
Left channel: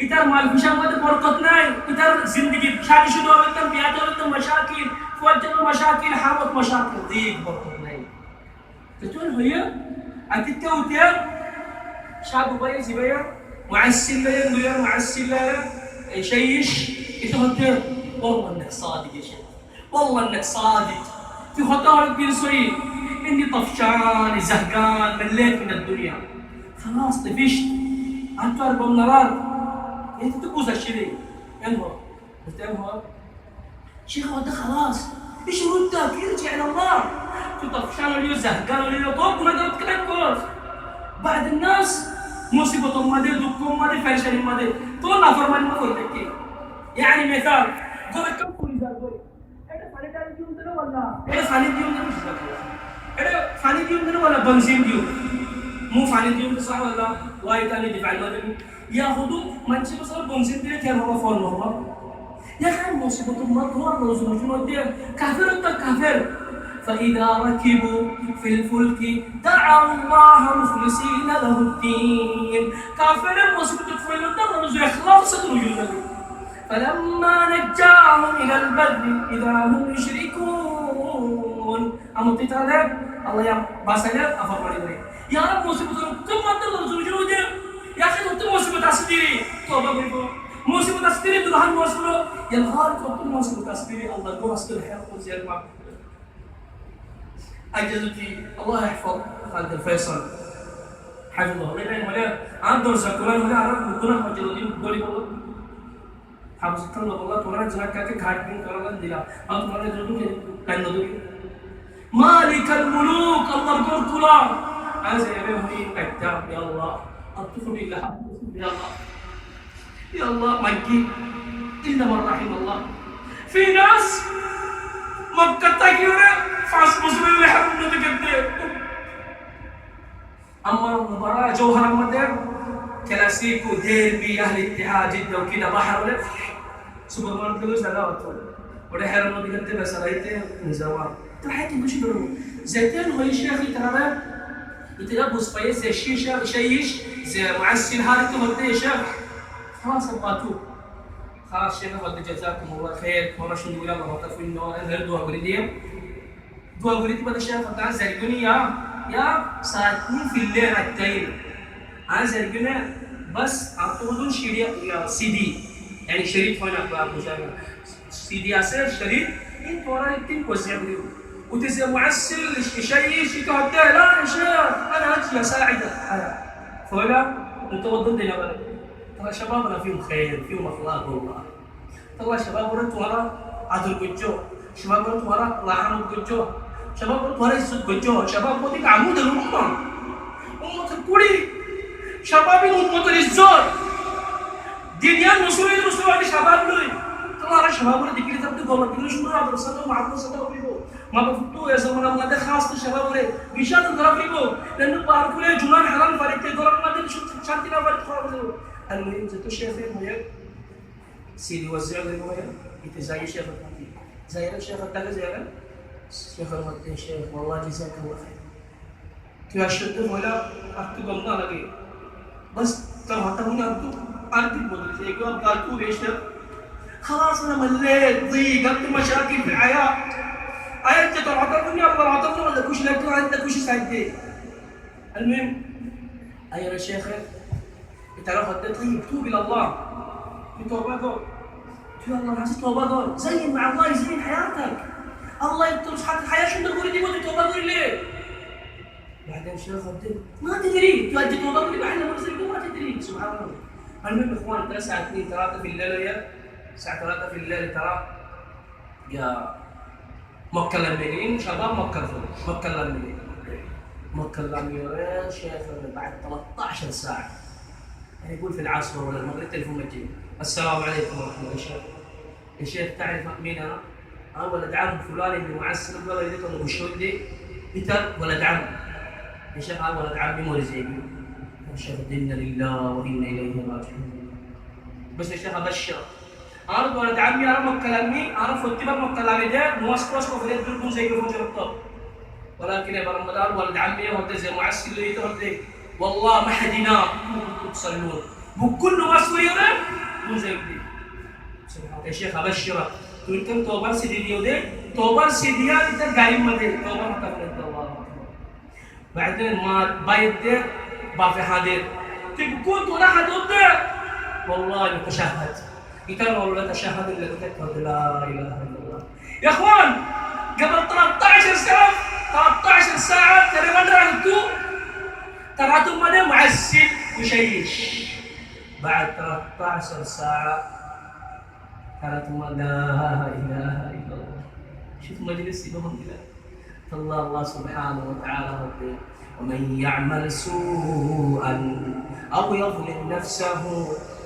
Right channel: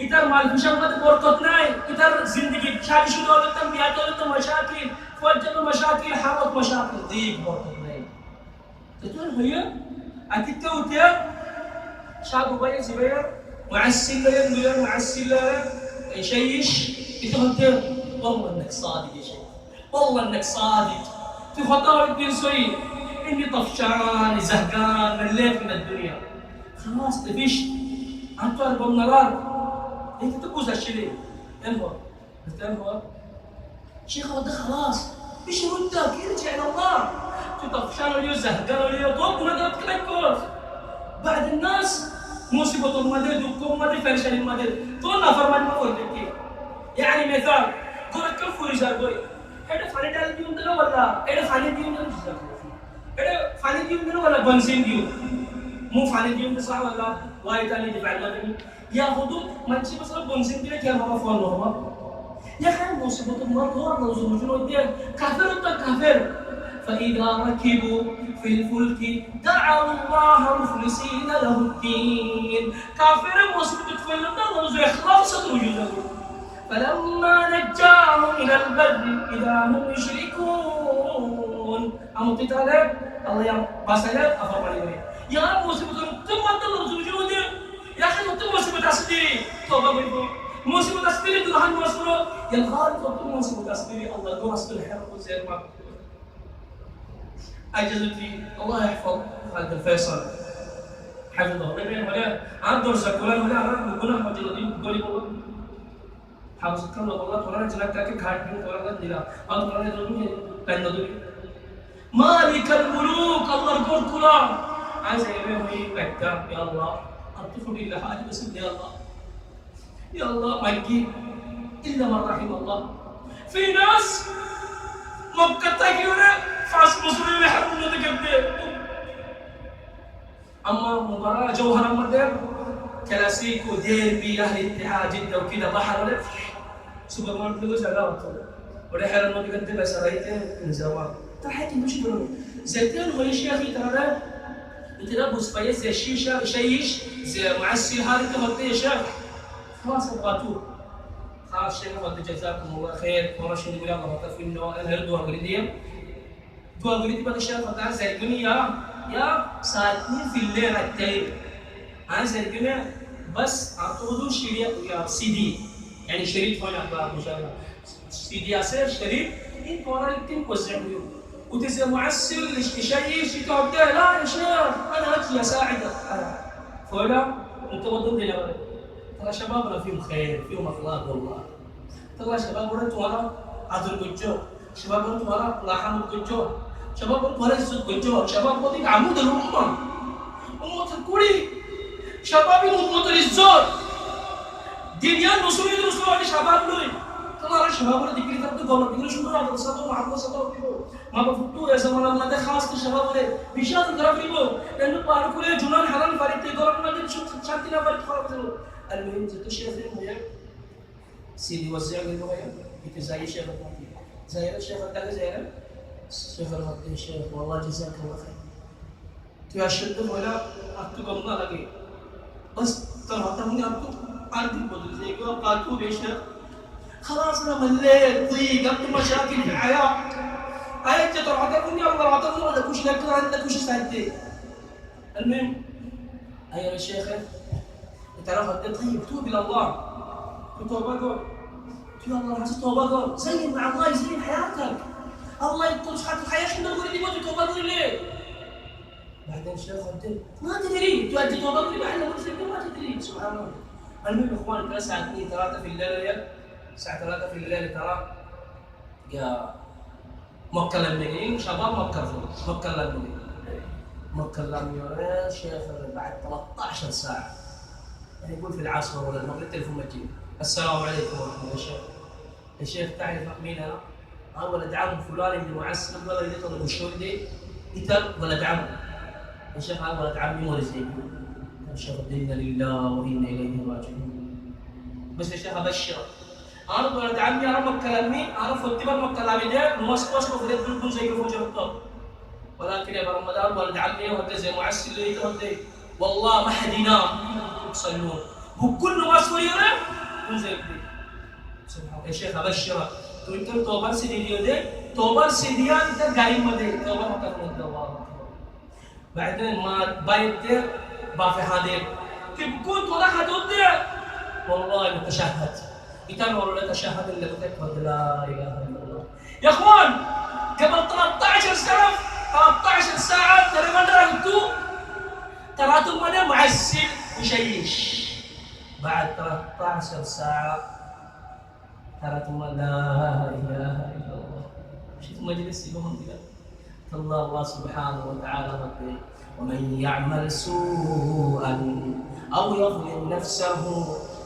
إتار مال فشان ماده بركت ناي إتار زندگی شادي شدو أولتن بياتي أولتن مشاكل فوجدوا مشاكل حامت مشاكل ضيق بركت تقول هي أتتكوتير شعب باي زبير معسل لين معسل شيش يتهدر والله إنك صادق يا شيخ والله إنك صادق في خطارك بين سوي إني طفشان زهقان مليت من الدنيا خلاص طفشت أنت أربع نرار أنت تبوز هالشيء انهر انهر شيخ هذا خلاص إيش ردك ارجع إلى الله طفشان اليوم زهقان اليوم طوب ولا تكلكوس بعد الناس مصيبة مادي دكتور مادي فاشل مادي تو نافرمان ما هو ذكي يعني مثال قول كم فريزر قول هذا فاني دال ديوم ده ولا هذا فاني ديوم ده مش هذا فاني ديوم ده ولا بنزين ديوم مو فاني ديوم صح ولا وايد تاني دفع المدني يا خدو ما تشي بس بنزين ده كان هو فون هو يا خان مصيبة ما هو الله سبحانه وتعالى كافر ولا كافر فإذا ركبوا في الفلك دعوا الله مخلصين له الدين كافر مصيبة تفعل الله زي إخلاص وجوده فلما نجاهم إلى البر إذا هم يشركون أمو تتعلم الله يا باسلام أفرماني يا رب مصيبة كم الله وجوده يا أخي أنت مصيبة أصدري توبة بيكو مصيبة أصدري تلحن مصيبة يا الغالب أنت مصيبة أصدري الله يقول أصدر حياة زي ما أجازتي الله يحفظ خالد الفيصل حفظه الله يبين ولا عنده سكولان ولا عرب بكنا مجلودين بقولي بقول حفظت الله والله تورا جنا كاك خاطين تورا ديلا أو تورا جلودين كان ندوي مالك الملوك الله يقول كلا عايز يبين هي كتاب يا الله أطفل إلى حاجة بس يا الله يا الله مجي إلا من رحم الله في ناس مكة تجيورة فاس مسلم لحمنا تكذب اما مباراه جوهر المدر كلاسيكو ديربي اهل الاتحاد جده وكذا بحر ولا سوبر ماركت زغاوتو وده حرمنا بجد بس رايته من زمان تحت مش دول زيتين هو الشيخ ترى يتلبس فايز زي الشيشه شيش زي معسل هذا كم يا شيخ خلاص ابغاتوه خلاص شيخ ولد جزاكم الله خير ورش نقول الله ما في انه انا دوا غريديه دوا غريدي بدي شيخ قال زي يا ساعتين في الليل التايم انا زي بس اعطوه شريط سي دي يعني شريط هنا ابغى مشاهده سي دي اسير شريط انت ورا التين وزع له وتزي معسل يشيش يقعد لا يا شيخ انا اجي اساعدك فولا انت ضدنا يا ولد ترى شبابنا فيهم خير فيهم اخلاق والله ترى شباب ورد ورا عدل قجو شباب ورد ورا الله يرحمه قجو شباب ورد ورا يسود قجو شباب وديك عمود الامه امه الكوري شباب امه الزور دنيا نصور نصور على شباب لوي ترى شباب ورد يقول تبدو والله بيقولوا شو مراد رصدوا مع رصدوا فيبو ما بفتوا يا زمان ما ده خاص الشباب ورد بيشاد الضرب فيبو لانه باركوا لي جنان حرام فريق تدور ما ده شو شانتنا فريق خلاص المهم زي الشيخ المهم سيدي وزع لي المهم يتزاي الشيخ الثاني زي الشيخ الثاني زي الشيخ المهدي الشيخ والله جزاك الله خير كيف أشد ولا أكتب ما لقي بس ترى تمني أكتب أكتب بدل زي كذا قالوا بيشتغل خلاص أنا مليت ضيق أكتب مشاكل في الحياة أنت ترى عطرني الله عطرني ولا كوش لك أنت كوش سعدي المهم أيها الشيخ ترى فدت طيب توب الى الله توبه توب الله عايز توبه زين مع الله يزين حياتك الله يطلش حتى الحياه شنو تقول دي توبه ليه بعدين شيخ ما تدري تؤدي توبه اللي بعدين ما تدري سبحان الله المهم اخوان ترى الساعه 2 3 في الليل يا الساعه 3 في الليل ترى يا مكلمين شباب مكلمين يا شيخ بعد 13 ساعه يعني يقول في العصر ولا المغرب التليفون مجيء السلام عليكم ورحمه الله يا شيخ تعرف مين انا؟ ولد عم فلان اللي معسل ولا يذكر وشو دي انت ولد عم يا شيخ انا ولد عمي مو زيك يا شيخ انا لله وانا اليه راجعون بس يا شيخ ابشر انا ولد عمي انا مكلمي انا فوت مكلمي ده موسوس في الدنيا زي الفجر الطب ولكن يا رمضان ولد عمي هو زي معسل اللي يتردد والله ما حد ينام يصلون وكل ما سويره مو زي كذي سبحان يا شيخ ابشرك تقول كم توبه سيدي دي توبه سيدي انت قايم مدي توبه ما كفر الله بعدين ما بايت بافي حاضر تكون ولا حدود والله متشهد يتم ولا تشهد الا بكتب لا اله الا الله يا اخوان قبل 13 سنه 13 ساعه ترى ما درتوا ترى مدى معسل وشيش بعد 13 ساعة ترى لا إله إلا الله شوف مجلس يبهم كذا الله سبحانه وتعالى ربي ومن يعمل سوءا أو يظلم نفسه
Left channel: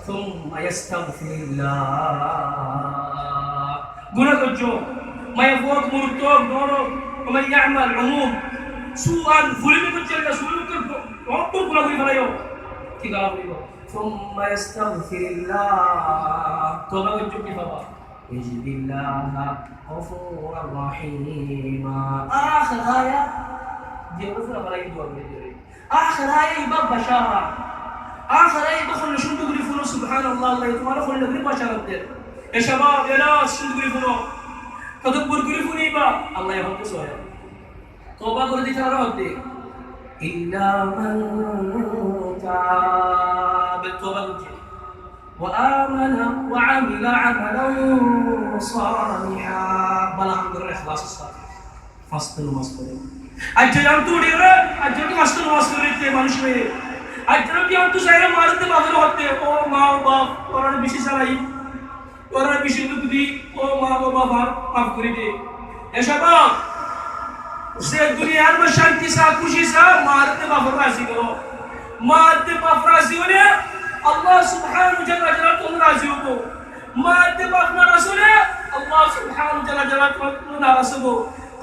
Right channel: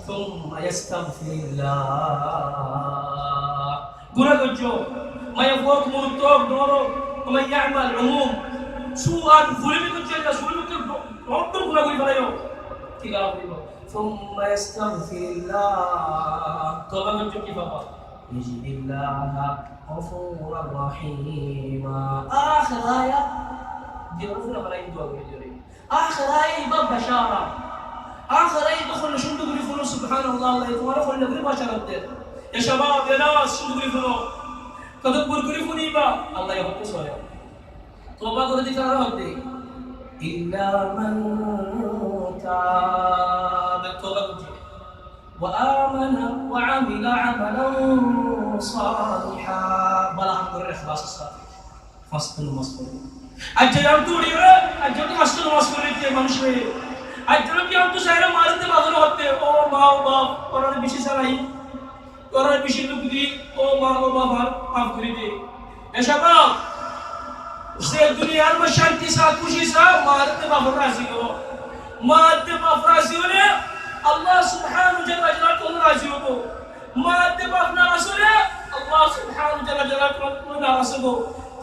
ثم يستغفر الله قلنا الجو ما يفوق مرتوب نورو ومن يعمل عموم سوءا ظلم الجنة ظلم ربك ولا يقول يوم كذا ثم يستغفر الله توبة من جبك بابا يجد الله غفورا رحيما آخر آية دي غفورا ولا يدوى آخر آية يبقى بشارة آخر آية بخل شو تقولي فنو سبحان الله الله يتوارى خل نقولي بشارة يا شباب يا ناس شو تقولي فنو تدبر قولي فنو يبقى الله يحب سويا توبة قولي ترى ربي إلا من تاب التوبة وآمن وعمل عملا صالحا بلا عند الإخلاص الصالح فصل المصبرين أجل يوم تودي أجل فصل المصبرين تمانشوي أجل يوم تساير مازن تبادل होते ओ माँ ओ बाप और अरे बिशी सराई और अरे बिशी लुकदी ओ माँ ओ बाप आप करी दे ऐसा बाप से दुनिया में शांति सा खुशी सा मारते बाफराजी करो मारते बाफराजी होने अल्लाह सुब्हानहू जल्ल जलालहू राजी हो मारते बाफना रसूल अल्लाह सुब्हानहू जल्ल जलालहू नाराज हो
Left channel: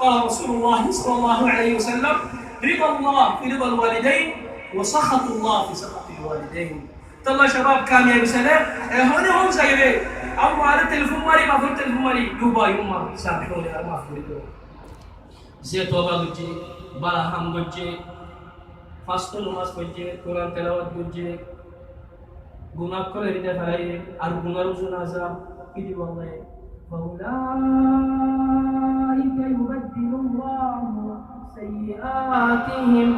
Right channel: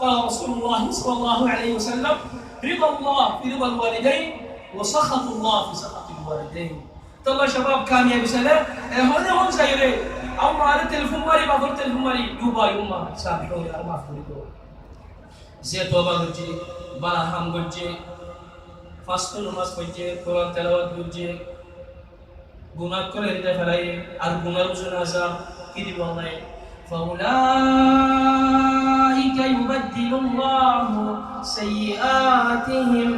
قال رسول الله صلى الله عليه وسلم رضا الله في رضا الوالدين وسخط الله في سخط الوالدين. تلا شباب كان يا بسنة هنا هم زيري أما على التلفون ماري بقول التلفون ماري دوبا يوما سامحوني أنا ما أقول له زي توبة بجي باهم بجي فاستو نماز بجي قرآن تلاوت بجي गुनाह करे हृदय फैलाइए और गुनाह रुजनाजा की दीवाने فأولئك يبدل الله سيئاتهم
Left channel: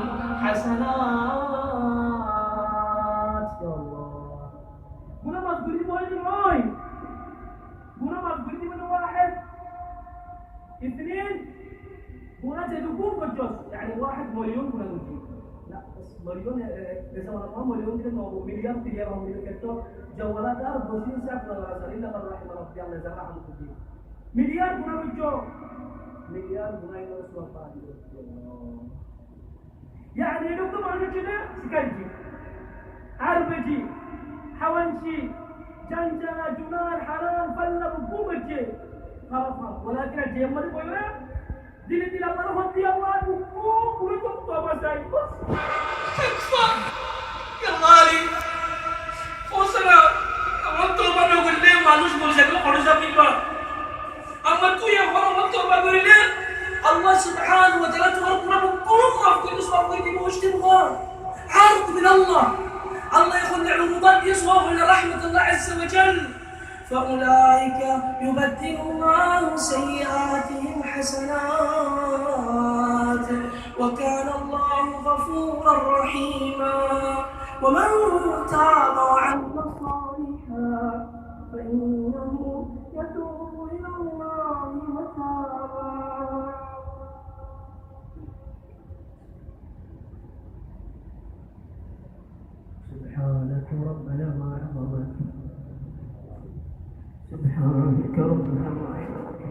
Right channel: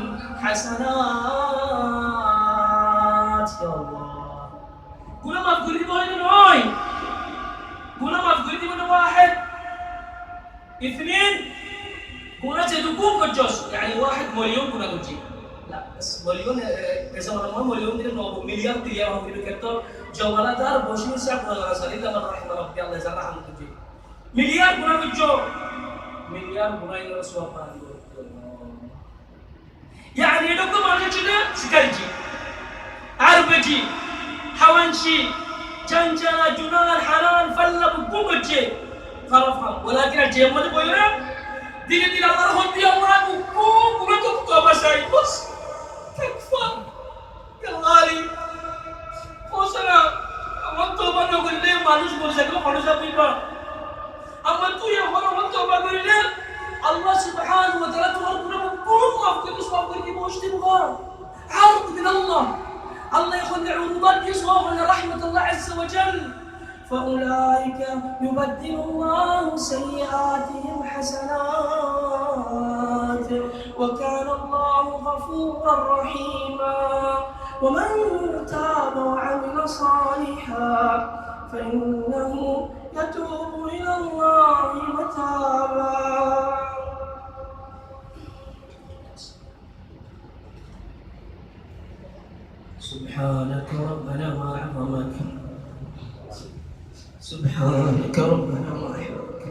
حسنات يا الله गुनाह माफ कर दी बोले नोई गुनाह माफ कर दी من واحد اثنين गुनाह جدكم كجوس يعني واحد مليون गुनाह تجي لا بس مليون كذا مرة مليون دي إنه مليار تريا هم كده كتو جوالا دار بوشين ساعة ولا سالي لا من رحمة ربي الله يزرع هم تجي مليار بنا بتجو مليار بنا إنه رسوا باني يعني يدوكم على كده سكرجي عربجي حوانشي جنجنا جنان حلال فلا بكوبجي خرفهم ولكن الجيم اللي بيورا دين الله هدي الله بكوب ونتوب توبة شيء بس كفى يا الله فوسنا أمان توبة نقول ليه مالوش بقول زكوا خلاص أبيبا أما تو يا خلاص أمان توبة نقول ليه الله سبحانه وتعالى توركنا بكوب ما في كل سبب كذي موش تبغى عرض من الله الله يخلي عروضات يسوى من رحمة الله عز وجل فأولئك يبدل الله سيئاتهم حسنات وكان الله غفورا رحيما ومن تاب وعمل صالحا فإنه يتوب إلى الله متابا سبحانك ربنا ما أعظمك سبحانك ربنا ما أحبك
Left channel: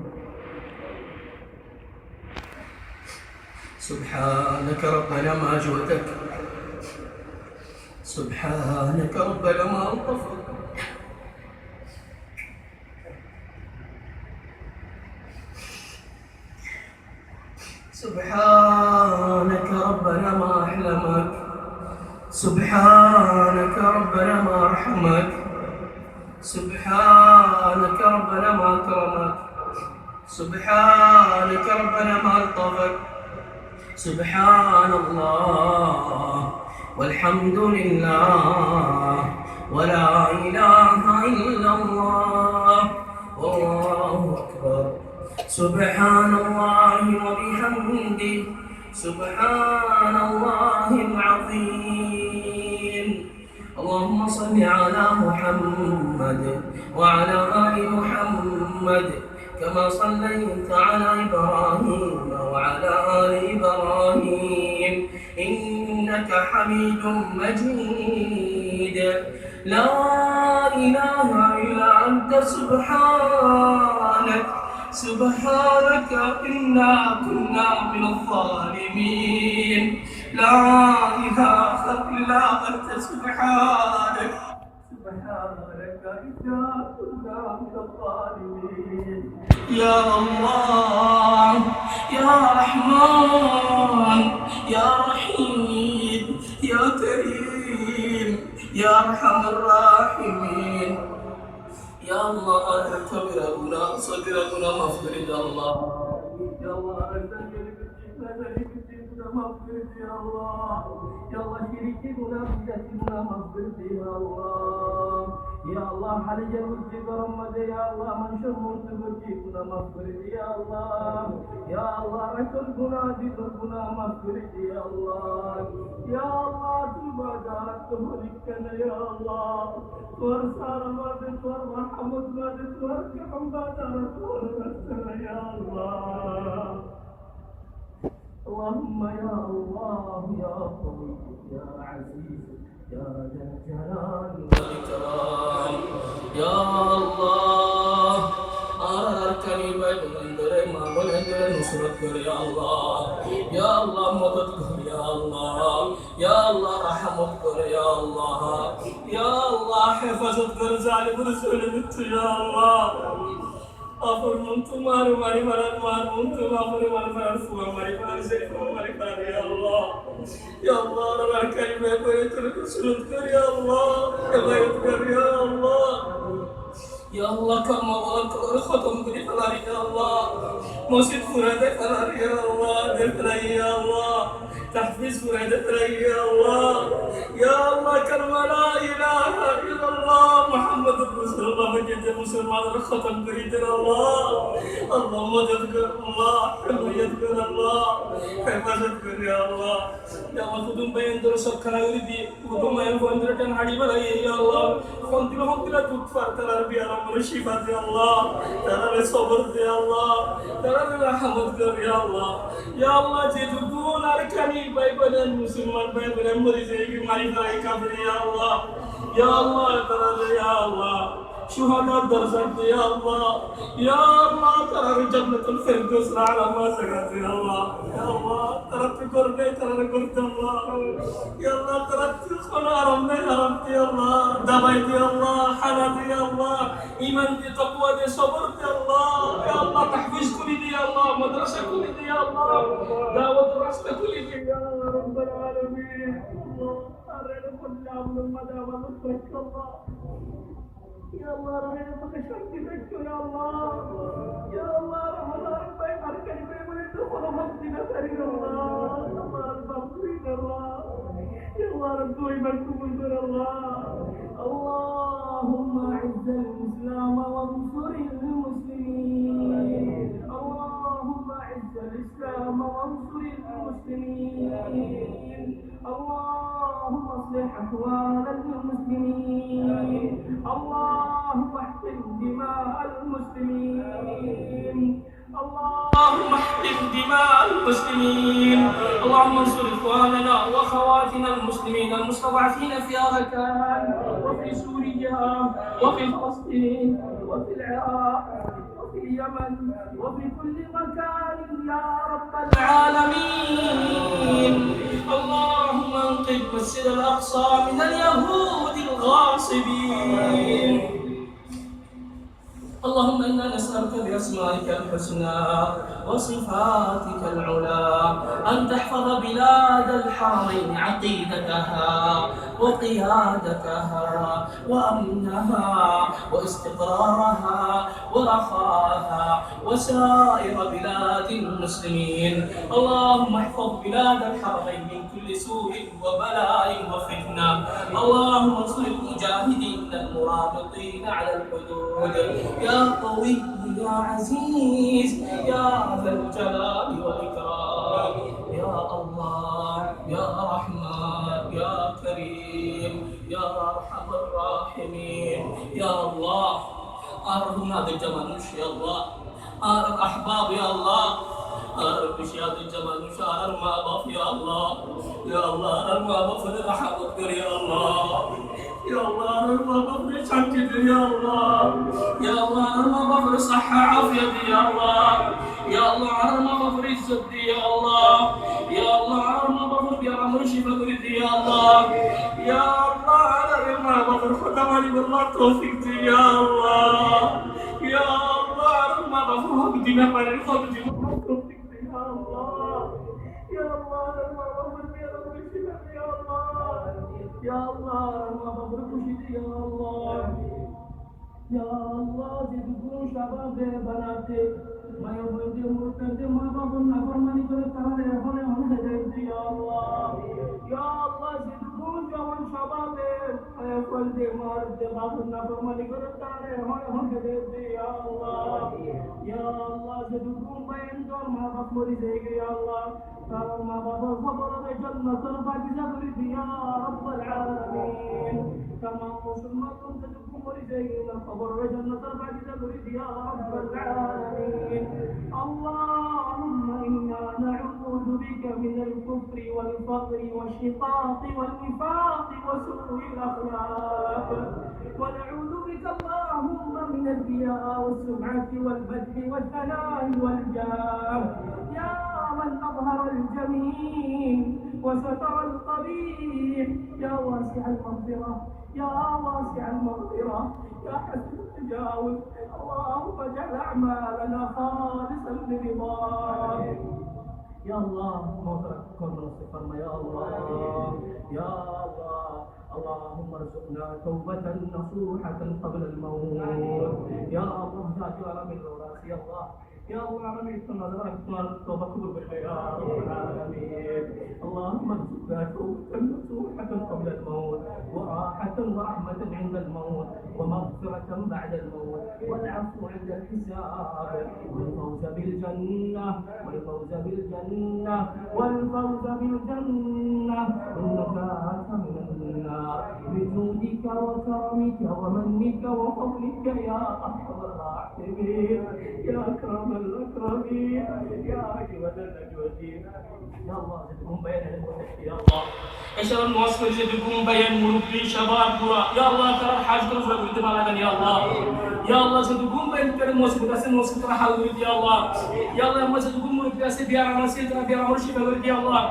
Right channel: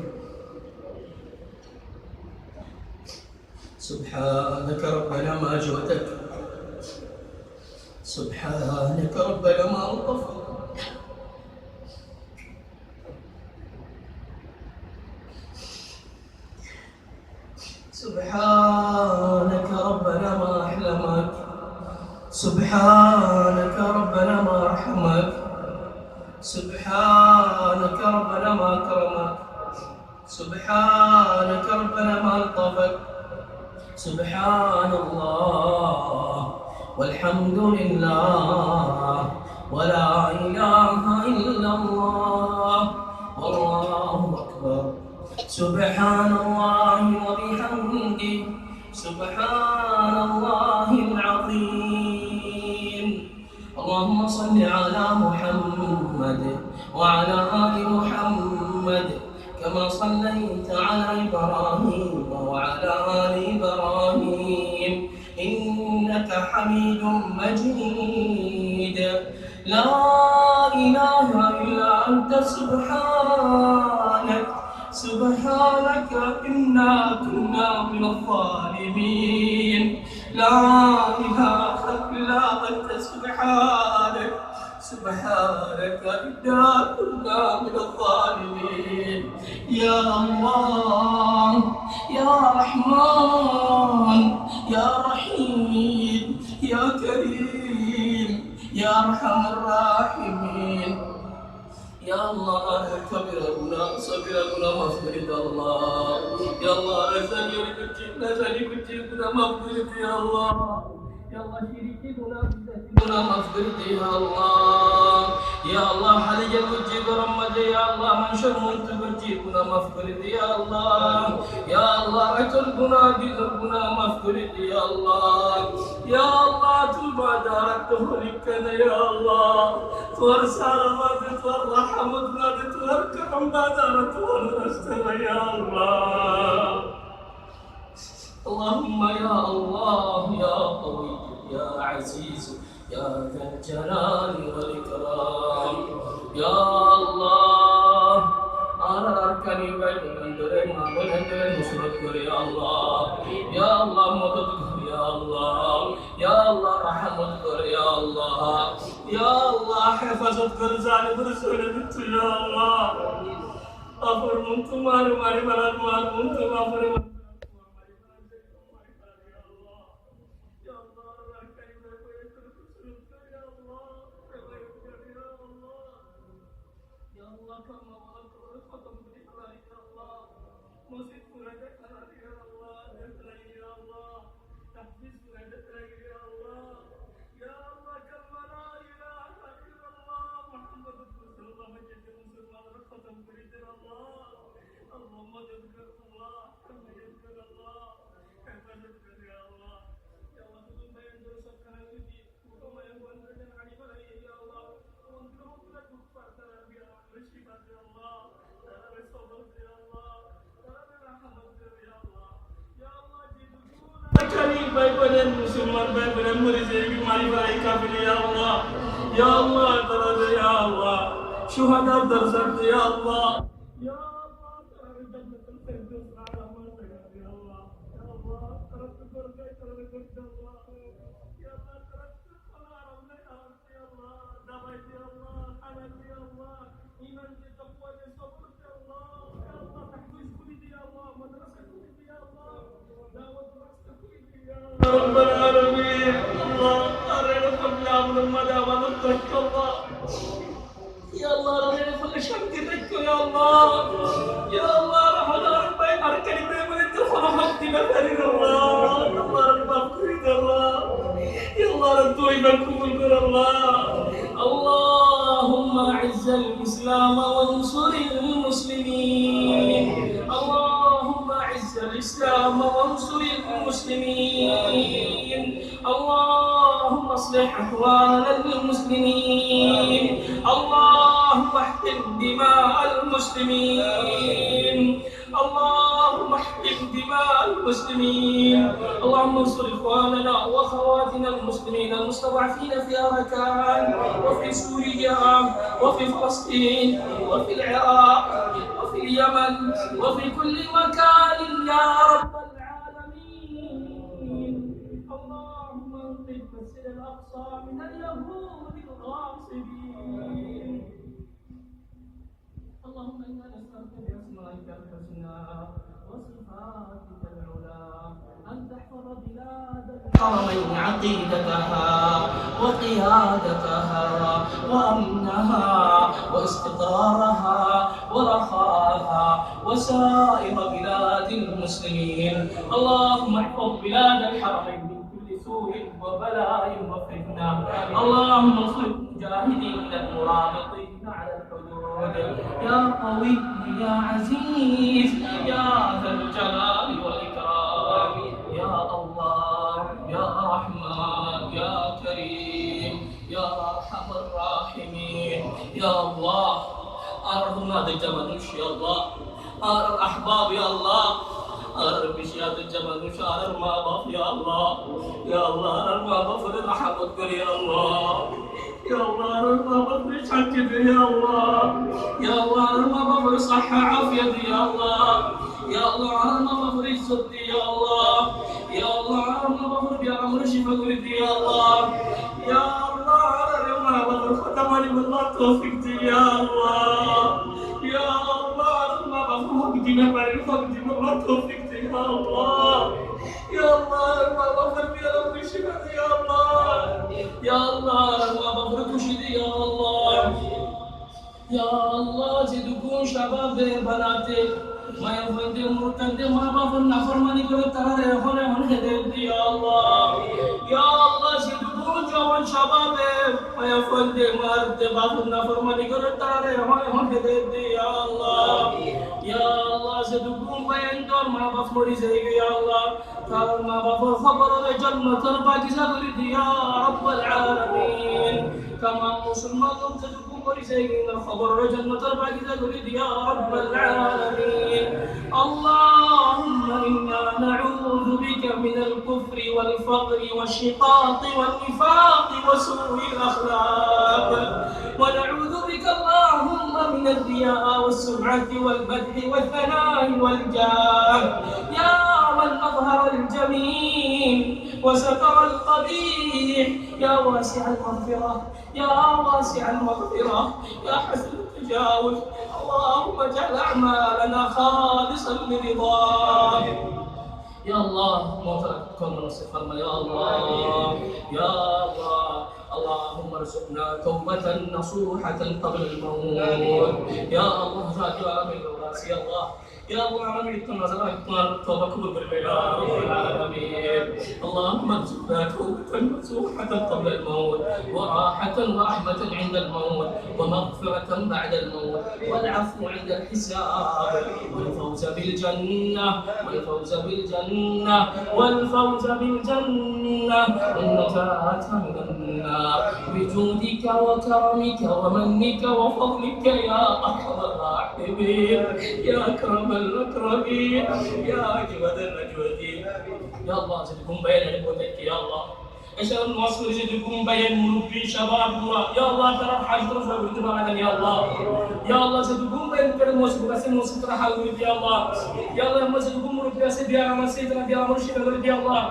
سبحانك ربنا ما جودك سبحانك ربنا ما ألطفك سبحانك ربنا ما أحلمك سبحانك ربنا ما أرحمك سبحانك ربنا ما أكرمك سبحانك ربنا ما ألطفك سبحان الله والحمد لله ولا إله إلا الله والله أكبر سبحان الله وبحمده سبحان الله العظيم اللهم صل على محمد وعلى آل محمد كما صليت على إبراهيم وعلى آل إبراهيم إنك حميد مجيد لا إله إلا أنت سبحانك سبحانك إنا كنا من الظالمين لا إله إلا أنت سبحانك سبحانك إنا كنا من الظالمين يا الله يا رحمن يا رحيم يا كريم يا أرحم الراحمين يا الله أنا كبيرنا صغيرنا مغفرة الله يا الله نزلي كتبنا مغفرة يا الله يا الله شريكنا بدنا مغفرة يا الله يا الله حلي وجه رمضان يا الله من شر منتبجيبنا مغفرة يا الله يا الله أتركنا بذنبنا مغفرة يا الله يا الله توبة دارك تهلكنا يا الله توار سلامات توار رحمتنا توار كرم دارك توار رستنا يا الله اللهم يا الله يا قوي يا عزيز يا ذا الجلال والإكرام يا الله أركني بندري ما بندري نصرت يا الله يا الله مدد يا الله يا الله رحمت يا الله يا الله حفظت ظالم رسول يا الله أفر من تمار ماري مراد مار من تمار ماري مراد فوق ماري مراد سيف ماري يا الله يا الله رب كلمة بيتك سلطك يا الله بيتك يا الله يا الله كما ولك ختم كل فلاري يا الله مسجد فرادة فلاري يا الله دفلي يا الله تحفيز فرادة فلاري يا الله يا الله كلمة لا إله إلا الله محمد رسول الله مجد مسلمان ختم كل الله اللهم تذكر الله حميتك الله حفظتك يا الله يا الله خدوم بين درس كنا يريدي خدوم ما يفهم درتن هادي بلاي يا الله خنتي لهم كلا تكفر ترى بيا مرشيفات يا الله ترى صبر يا الله ترى رحمت يا الله يا الله جدكون أركاني بايبرن مسلمان بايبرن مريجي بماري باي كافر يا الله يا الله ترى يا الله شهداء درجات يا الله يا الله ترى جنة الفردوس على ما سكت يا الله ترى تقرب ترى قرب الله يا الله ترى خنا رمنا رمت يا الله دبيت يا الله حنات يا الله إيمان دي تقوى دي صبر يا الله تحفيز كل دي يا الله مدرسة كل دي يا الله دعوة راسة كل دي يا الله رب العالمين الله أرنا قبل أمر المدى ونترك الله يا الله ربنا كل شيء ترك يا الله رحمة ربي أركني بمن تدخل حقي بفرد الله رب أبكرد الله يا الله ربي بكم الله اللهم أعز الإسلام وانصر المسلمين اللهم أعز الإسلام وانصر المسلمين اللهم اصلح أحوال المسلمين اللهم احقن دماء المسلمين اللهم احقن دماء المسلمين اللهم انصر إخواننا وأخواتنا المسلمين المستضعفين في أركان وفي سوريا وفي فلسطين وفي العراق وفي اليمن وفي كل مكان يا رب العالمين اللهم انقذ مسجد الأقصى من اليهود الغاصبين اللهم إنا نسألك بأسمائك الحسنى وصفاتك العلى أن تحفظ بلاد الحرمين عقيدتها وقيادتها وأمنها واستقرارها ورخاءها وسائر بلاد المسلمين اللهم احفظ بلاد الحرمين من كل سوء وبلاء وفتنة اللهم انصر المجاهدين المرابطين على الحدود يا قوي يا عزيز يا ذا الجلال والإكرام يا الله يا رحمن يا كريم يا أرحم الراحمين يا الله أرحم هذا الجمال يا الله الأحباب يا الله بشيات الجمال شعر ما بف يا الله ما بف رحمتك يا الله يا الله ما بف شكر يا الله ما بف صحة عافية يا الله ما بف عزة يا الله ما بف بأمر شفاء يا الله ما بف ختم علي والله توفيق يا الله ما بف حق دينا بارين حق دينا والله توفيق يا الله ما بف بأمر شفاء يا الله ما بف ركشد يا الله زدكون شباب بناتي ما يفندي مرتد ما بف نفرماني كره ترى هون هدايت يا الله زدكون جوان شباب ما يفندي مرد بف نفرماني كره ترى هون هدايت يا الله زدكون بين دور ما بف مريض يا الله قال ما بف خبر الجنة الباقي يا رب العالمين كما مسلمان زدكون مريض خبر الجنة الباقي يا رب العالمين اللهم إنا نعوذ بك من الكفر والفقر والشقاق والنفاق وسوء الأخلاق ونعوذ بك اللهم من الرياء والسمعة والمدح والثناء والجاه يا من أظهر الجميل وستر القبيح يا واسع المغفرة يا حسن التجاوز اللهم اجعل أعمالنا خالصا لرضاك Ya Allah, mau kau menusuk firman ya Allah, ya Allah. اللهم ارزقنا توبة نصوحة قبل الموت يا الله جاءت عالمين الراس يا الله يا الله عالمين التنازل توبة قبل يا رب العالمين اللهم ارزقنا توبة نصوحة قبل الموت وراحة ورحمة عند الموت ومغفرة بعد الموت والعفو عند الحساب والفوز بالجنة والفوز بالجنة والفوز بالجنة والنجاة من النار بجودك وكرمك ومنك وفضلك يا أرحم الراحمين يا أكرم الأكرمين يا أجود الأجودين يا الله زدكم بين نبوتك يا الله أشهد أن واصل زدكم بين مربي شباب دورا يا الله ترى الحاج ترفع ولد مالك يا الله يا الله زدكم بين كل موسم بس موسم ترى حال ولد يا الله يا الله يا زدكم مربي بس بيار مسجد ترى بيار مرشد ولد يا الله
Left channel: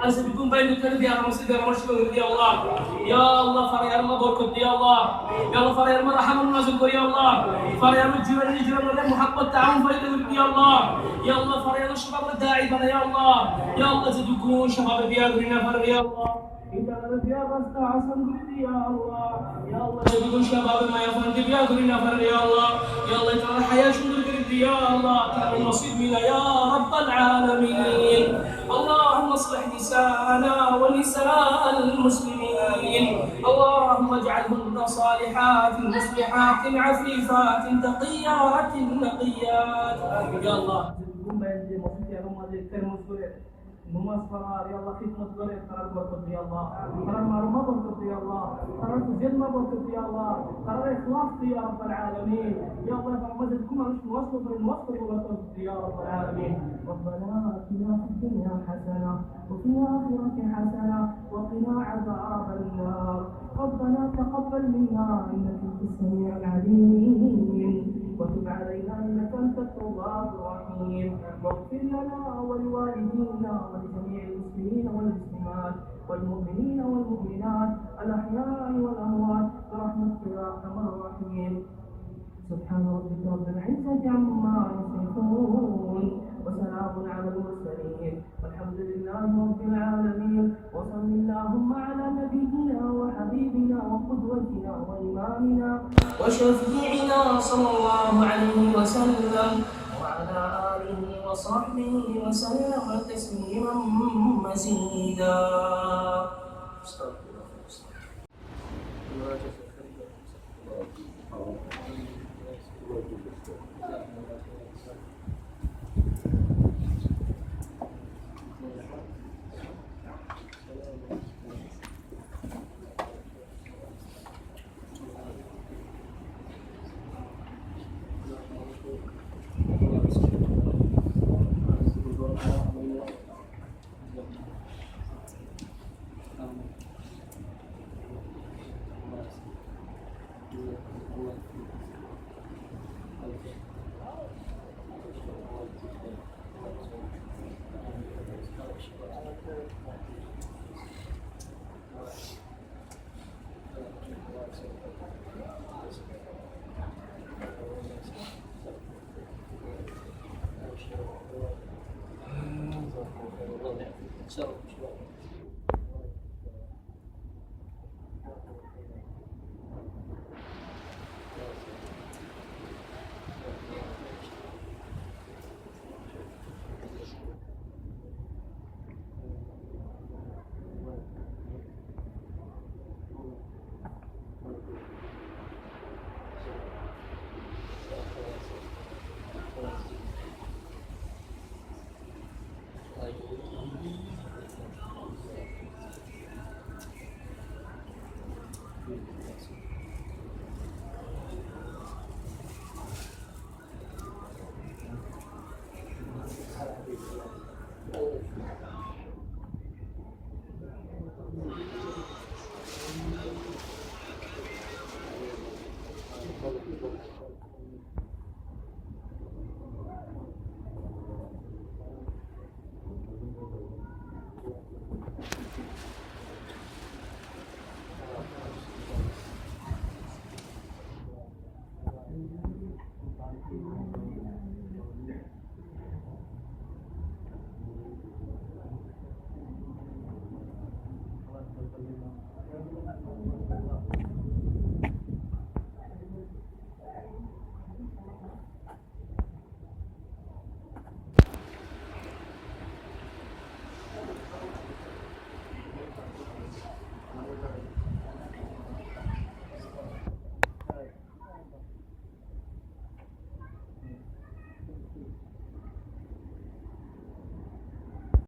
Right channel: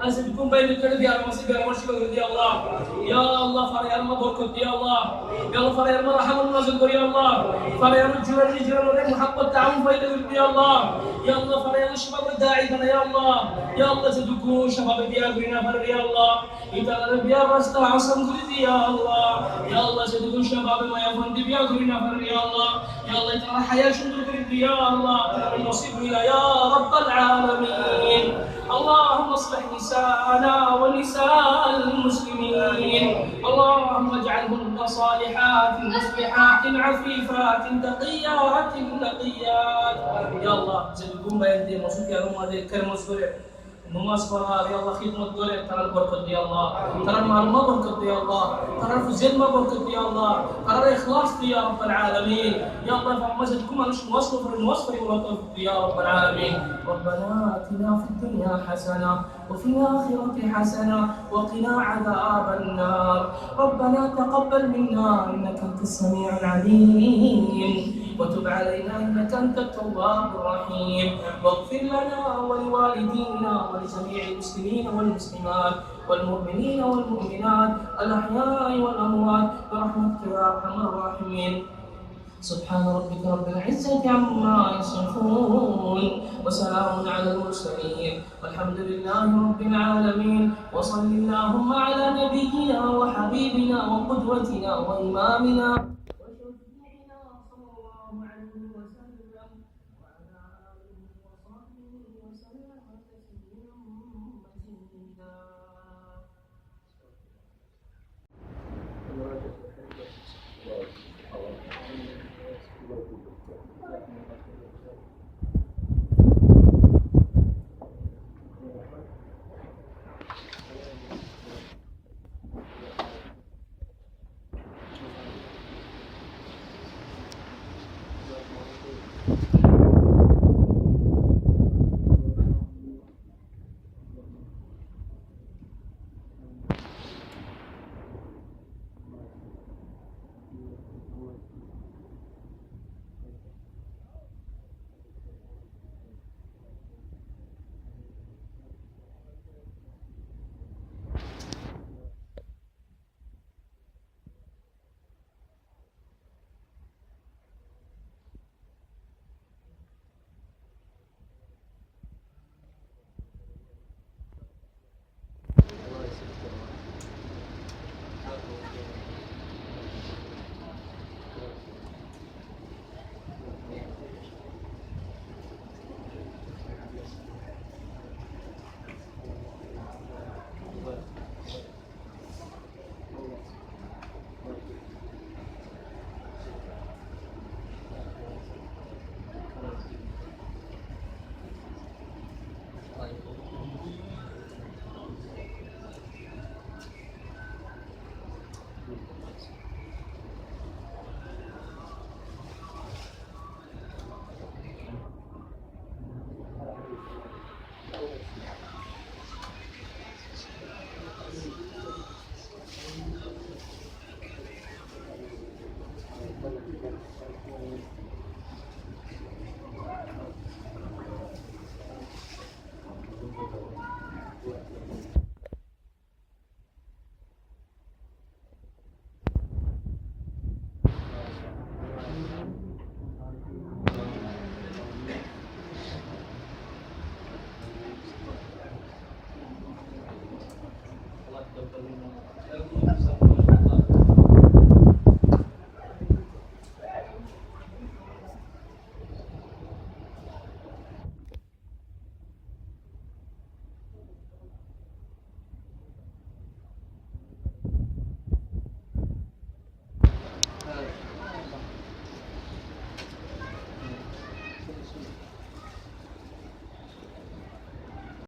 أزدكم بين الكلب يا مسجد يا مرشد يا الله يا الله فريار ما بركت يا الله يا الله فريار ما رحم النازل يا الله فريار الجيران الجيران محبة تعاون فايدة يا الله يا الله فريار الشباب الداعي يا الله يا الله زدكم شباب بياغرنا فر يا الله إذا بيا رسل عصم يا الله يا الله زدكم شباب ما يفند بياغرنا فر يا الله يا الله ترى حياة شنو يا الله ترى النصيب يا رب العالمين اللهم اصلح نساءنا ونساء المسلمين اللهم اجعلهن صالحات مصلحات عفيفات تقيات نقيات يا الله زدكم بين دي مصطفى يا رب هذه الكلمه نماز فرار يا الله خدمة دولة ترى البركة يا الله ترى المعلومة بركة يا الله ترى الفزيل ما بركة يا الله ترى الإخلاص يا رب العالمين يا الله فمزدكم أنش مصر يا رب العالمين ربنا آتنا في الدنيا حسنة وفي الآخرة حسنة وقنا عذاب النار ربنا تقبل منا إنك أنت السميع العليم وتب علينا إنك أنت التواب الرحيم واغفر لنا ولوالدينا ولجميع المسلمين والمسلمات والمؤمنين والمؤمنات الأحياء والأموات برحمتك يا أرحم الراحمين سبحان ربك رب العزة عما يصفون وسلام على المرسلين والحمد لله رب العالمين وصل اللهم على نبينا وحبيبنا وقدوتنا وإمامنا وشفيعنا صلى الله عليه وسلم وعلى آله وصحبه وسلم تسليما مزيدا.